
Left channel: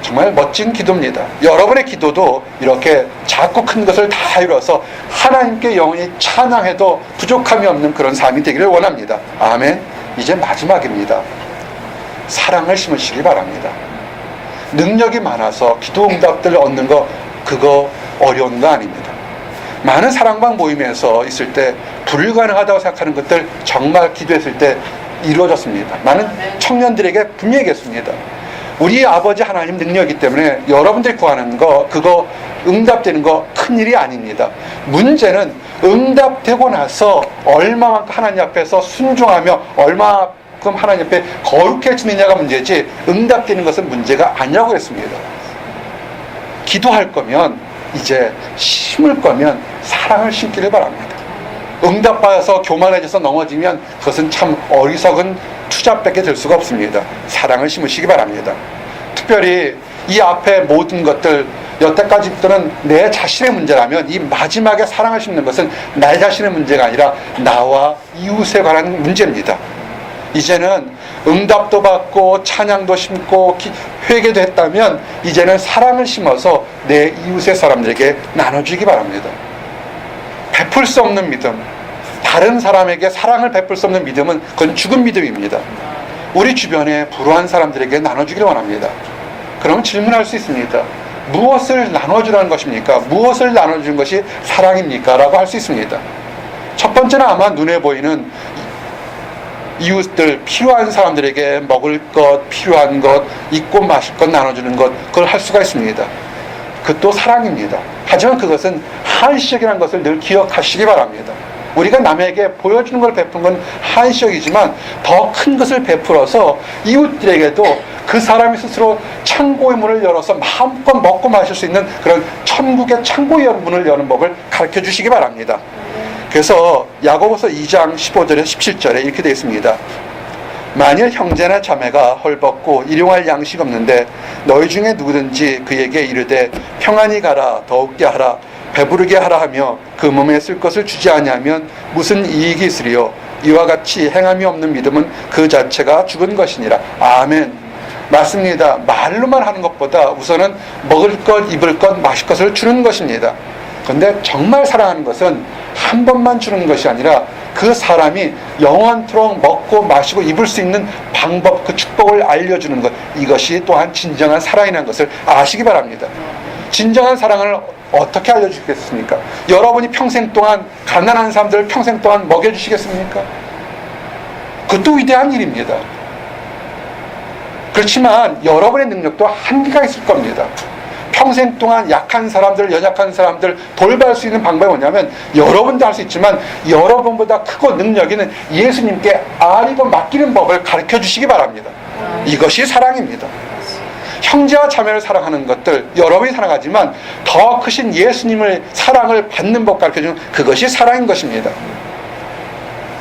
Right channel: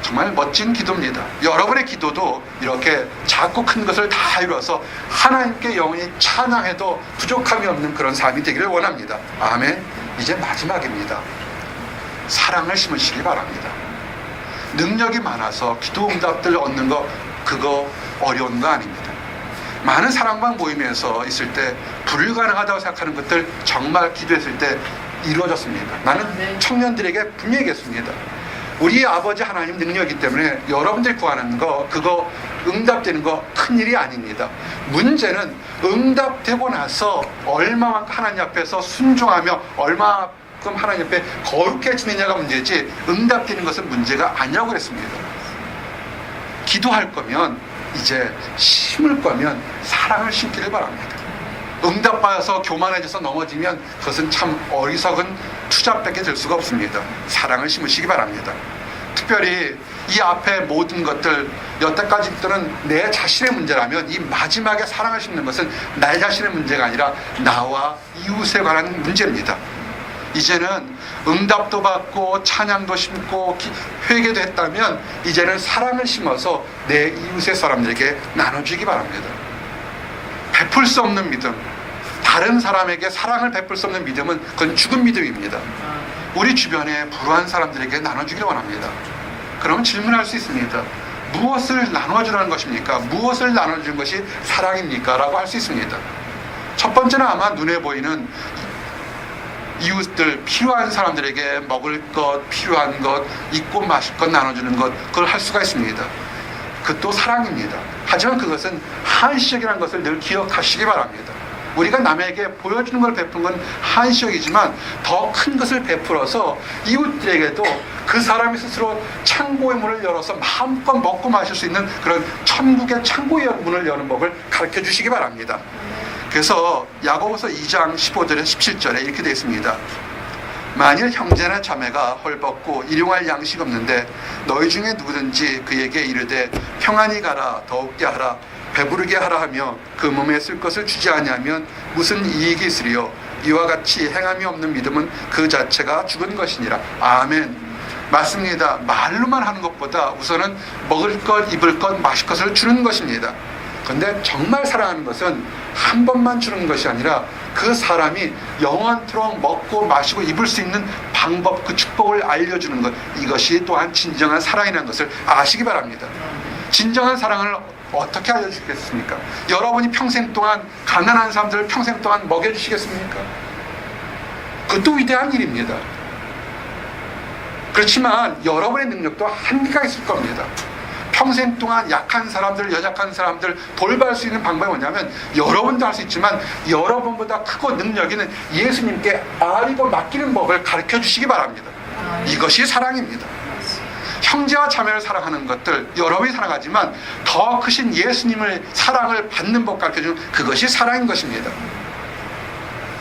정말 멋진 기도입니다. 여러분의 기도도 이렇게 작고 큰 것을 다 이뤄서 하나님께 영원히 찬양해도 부족함이 없는 그런 삶이 되기를 원합니다. 아멘. 이제 마지막입니다. 사랑을 심으시기 바랍니다. 능력이 많아서 기도 응답들 얻는 거 그거 어려운 거 아닙니다. 많은 사랑방 모임에서 있을 때 불가능하다고 생각하는 것들 정말 기도했을 때 이루어졌습니다. 나는 청년들에게 분명히 얘기했습니다. 우리 아버지 하나님 능력이기 때문에 여러분들이 구하는 거 그거 응답되는 거 큰일이 아닙니다. 문제는 응답되고 나서 얼마만큼 하나님 앞에서 순종하며 얼마만큼 하나님 앞에 거룩해지느냐가 문제지 응답되는 것은 문제가 아니라고 했습니다. 기도할 거면 이제 심을 거면 사랑을 심기를 바랍니다. 응답받아서 교만해져서 넘어지면 그것은 참 어리석은 투자밖에 될 수가 없습니다. 사랑을 심으시기 바랍니다. 특별히 이 앞에 모든 것들 여태까지부터는 내 자신의 문제라면 이 마지막에 사랑을 심는 것은 나 자신의 문제가 아니라 나와 이웃에 관한 문제입니다. 이제는 응답도 받고 찬양도 심고 회개도 했다면 이제는 사랑을 심어서 내 이웃의 사람들에게 나눠주기 바랍니다. 베풀 수 없는 믿음, 다른 사람에게 사랑을 베풀 수 없는 믿음은 그건 죽은 믿음입니다. 우리 주변에 불우한 사람들에게 나눠주기를 원합니다. 그러면 질문할 수 있습니다. 무엇을 나눠주라는 것입니까? 무엇을 나눠주는 것이 사랑입니까? 라고 할 수 있습니다. 첫 번째는 아마 눈에 보이는 이웃들, 필요한 사람들에게 먹을 것, 필요한 것, 입고 마실 것 나눠주는 것, 그걸 할 수가 있습니다. 그것도 사랑입니다. 하지만 그것은 한시적이라는 것을 늘 기억하시기 바랍니다. 우리가 남에게 보여주는 걸 베푼 건 한시적이지만 더 큰 것을 베풀어서 이웃들에게도 그 사람이 스스로 창고의 문을 열어서 마음껏 먹고 마실 수 있는 그런 천국의 창고의 문을 여는 법을 가르쳐 주시기 바랍니다. 그래서 야고보서 2장 15절에서 17절에 이렇게 되어 있습니다. 만일 형제나 자매가 헐벗고 일용할 양식 없는데 너희 중에 누구든지 그에게 이르되 평안히 가라 더욱게 하라 배부르게 하라 하며 그 몸에 쓸 것을 주지 아니하면 무슨 이익이 있으리요. 이와 같이 행함이 없는 믿음은 그 자체가 죽은 것이니라. 아멘. 맞습니다. 말로만 하는 것보다 우선은 먹을 것, 입을 것, 마실 것을 주는 것입니다. 그런데 정말 사랑하는 것은 한 번만 주는 것이 아니라 그 사람이 영원토록 먹고 마시고 입을 수 있는 방법, 그 축복을 알려주는 것, 이것이 또한 진정한 사랑이라는 것을 아시기 바랍니다. 진정한 사랑을 어떻게 알려주겠습니까? 여러분이 평생 동안 가난한 사람들을 평생 동안 먹여주시겠습니까? 그것도 위대한 일입니다. 그렇지만 여러분의 능력도 한계가 있을 겁니다. 평생 동안 약한 사람들, 연약한 사람들 돌볼 수 있는 방법이 뭐냐면 여러분도 할 수 있지만 여러분보다 크고 능력 있는 예수님께 아리고 맡기는 법을 가르쳐 주시기 바랍니다. 이것이 사랑입니다. 형제와 자매를 사랑하는 것들 여러분이 사랑하지만 더 크신 예수님을 사랑을 받는 법 가르쳐주는 그것이 사랑인 것입니다.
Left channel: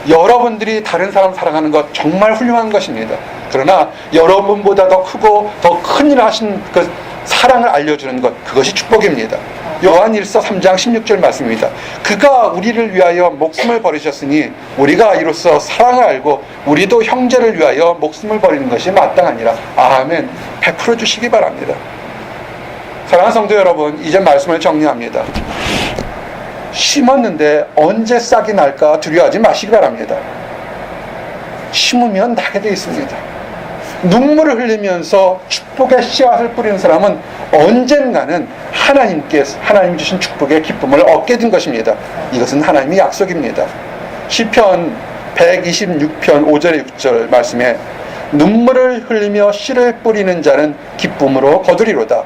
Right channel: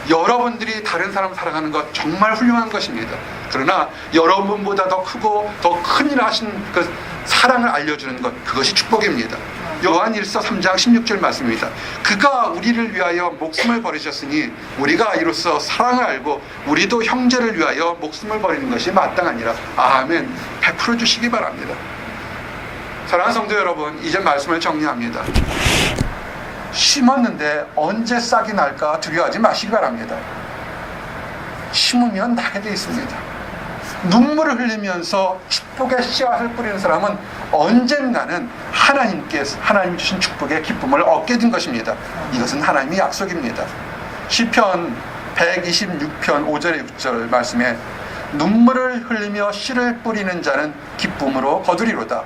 여러분들이 다른 사람 사랑하는 것 정말 훌륭한 것입니다. 그러나 여러분보다 더 크고 더 큰 일을 하신 그 사랑을 알려주는 것, 그것이 축복입니다. 요한일서 3장 16절 말씀입니다. 그가 우리를 위하여 목숨을 버리셨으니 우리가 이로써 사랑을 알고 우리도 형제를 위하여 목숨을 버리는 것이 마땅하니라. 아멘. 베풀어 주시기 바랍니다. 사랑하는 성도 여러분, 이제 말씀을 정리합니다. 심었는데 언제 싹이 날까 두려워하지 마시기 바랍니다. 심으면 나게 되어 있습니다. 눈물을 흘리면서 축복의 씨앗을 뿌리는 사람은 언젠가는 하나님 주신 축복의 기쁨을 얻게 된 것입니다. 이것은 하나님의 약속입니다. 시편 126편 5절에 6절 말씀에 눈물을 흘리며 씨를 뿌리는 자는 기쁨으로 거두리로다.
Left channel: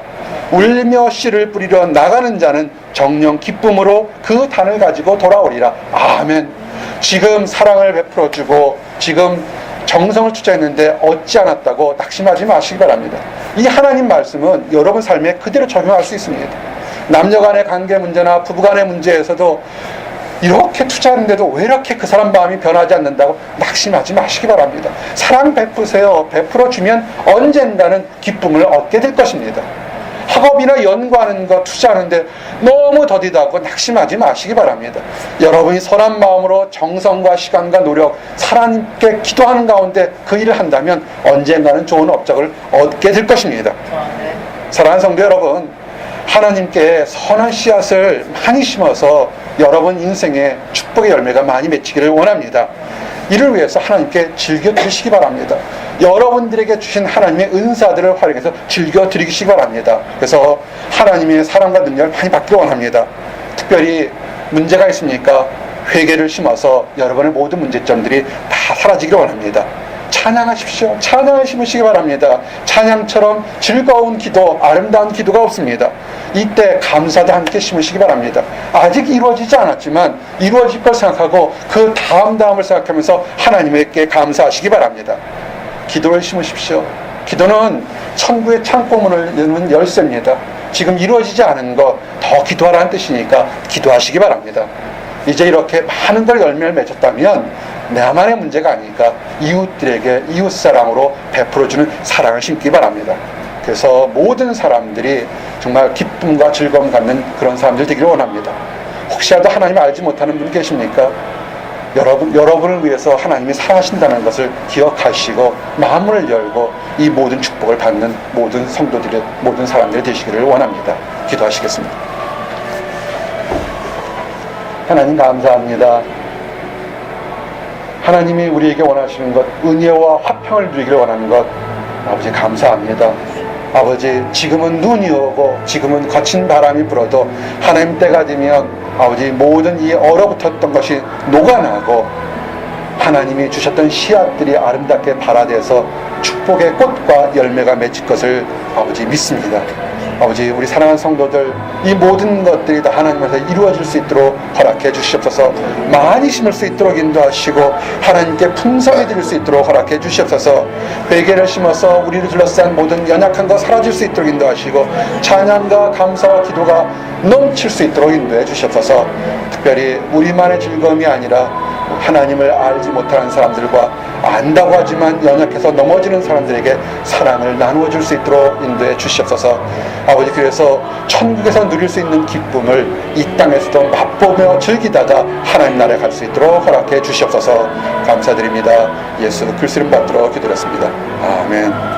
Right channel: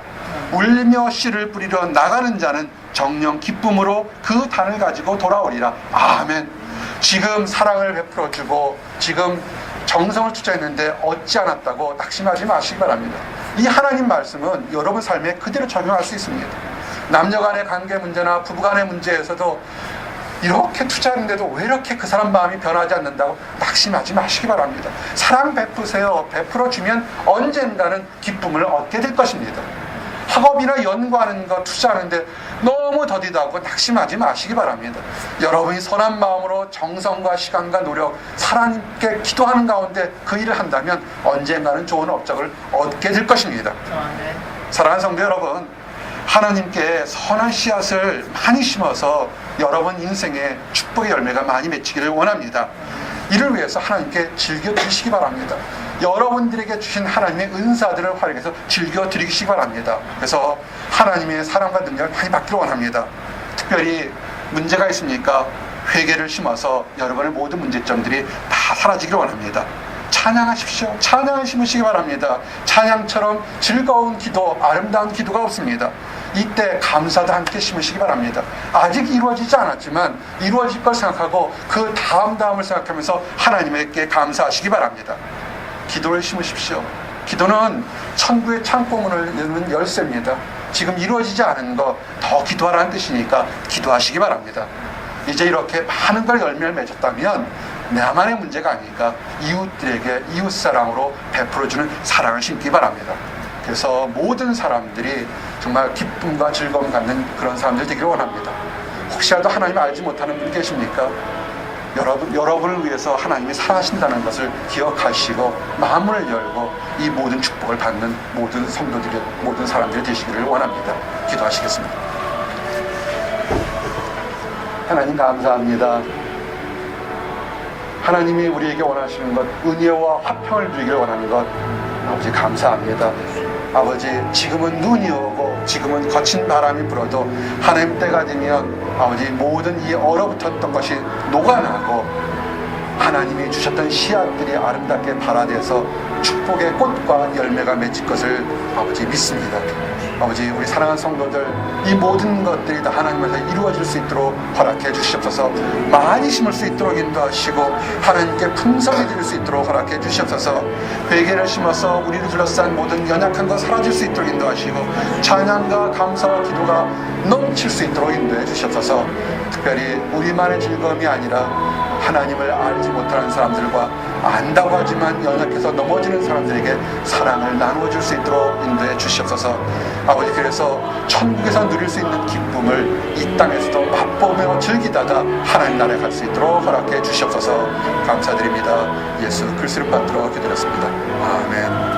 울리며 씨를 뿌리러 나가는 자는 정녕 기쁨으로 그 단을 가지고 돌아오리라. 아멘. 지금 사랑을 베풀어주고 지금 정성을 투자했는데 얻지 않았다고 낙심하지 마시기 바랍니다. 이 하나님 말씀은 여러분 삶에 그대로 적용할 수 있습니다. 남녀 간의 관계 문제나 부부 간의 문제에서도 이렇게 투자하는데도 왜 이렇게 그 사람 마음이 변하지 않는다고 낙심하지 마시기 바랍니다. 사랑 베푸세요. 베풀어주면 언젠가는 기쁨을 얻게 될 것입니다. 학업이나 연구하는 거 투자하는데 너무 더디다고 낙심하지 마시기 바랍니다. 여러분이 선한 마음으로 정성과 시간과 노력, 하나님께 기도하는 가운데 그 일을 한다면 언젠가는 좋은 업적을 얻게 될 것입니다. 사랑하는 성도 여러분, 하나님께 선한 씨앗을 많이 심어서 여러분 인생에 축복의 열매가 많이 맺히기를 원합니다. 이를 위해서 하나님께 즐겨드리시기 바랍니다. 여러분들에게 주신 하나님의 은사들을 활용해서 즐겨드리시기 바랍니다. 그래서 하나님의 사랑과 능력을 많이 받기를 원합니다. 특별히 문제가 있습니까? 회개를 심어서 여러분의 모든 문제점들이 다 사라지기를 원합니다. 찬양하십시오. 찬양을 심으시기 바랍니다. 찬양처럼 즐거운 기도, 아름다운 기도가 없습니다. 이때 감사도 함께 심으시기 바랍니다. 아직 이루어지지 않았지만 이루어질 걸 생각하고 그 다음을 생각하면서 하나님께 감사하시기 바랍니다. 기도를 심으십시오. 기도는 천국의 창고문을 여는 열쇠입니다. 지금 이루어지지 않은 거 더 기도하라는 뜻이니까 기도하시기 바랍니다. 이제 이렇게 많은 걸 열매를 맺었다면 나만의 문제가 아니니까 이웃들에게 이웃사랑으로 베풀어주는 사랑을 심기 바랍니다. 그래서 모든 사람들이 정말 기쁨과 즐거움 갖는 그런 사람들 되기를 원합니다. 혹시라도 하나님을 알지 못하는 분 계십니까? 여러분을 위해서 하나님이 사랑하신다는 것을 기억하시고 마음을 열고 이 모든 축복을 받는 모든 성도들의 모든 사람들이 되시기를 원합니다. 기도하시겠습니다. 하나님 감사합니다. 하나님이 우리에게 원하시는 것, 은혜와 화평을 누리기를 원하는 것, 아버지 감사합니다. 아버지, 지금은 눈이 오고 지금은 거친 바람이 불어도 하나님 때가 되면 아버지 모든 이 얼어붙었던 것이 녹아나고 하나님이 주셨던 씨앗들이 아름답게 발아돼서 축복의 꽃과 열매가 맺힐 것을 아버지 믿습니다. 아버지, 우리 사랑하는 성도들 이 모든 것들이 다 하나님께서 이루어질 수 있도록 허락해 주시옵소서. 많이 심을 수 있도록 인도하시고 하나님께 풍성히 드릴 수 있도록 허락해 주시옵소서. 베개를 심어서 우리를 둘러싼 모든 연약한 것 사라질 수 있도록 인도하시고 찬양과 감사와 기도가 넘칠 수 있도록 인도해 주시옵소서. 특별히 우리만의 즐거움이 아니라 하나님을 알지 못하는 사람들과 안다고 하지만 연약해서 넘어지는 사람들에게 사랑을 나누어 줄 수 있도록 인도해 주시옵소서. 아버지, 그래서 천국에서 누릴 수 있는 기쁨을 이 땅에서도 맛보며 즐기다가 하나님 나라에 갈 수 있도록 허락해 주시옵소서. 감사드립니다. 예수 그리스도 이름 받들어 기도했습니다. 아멘.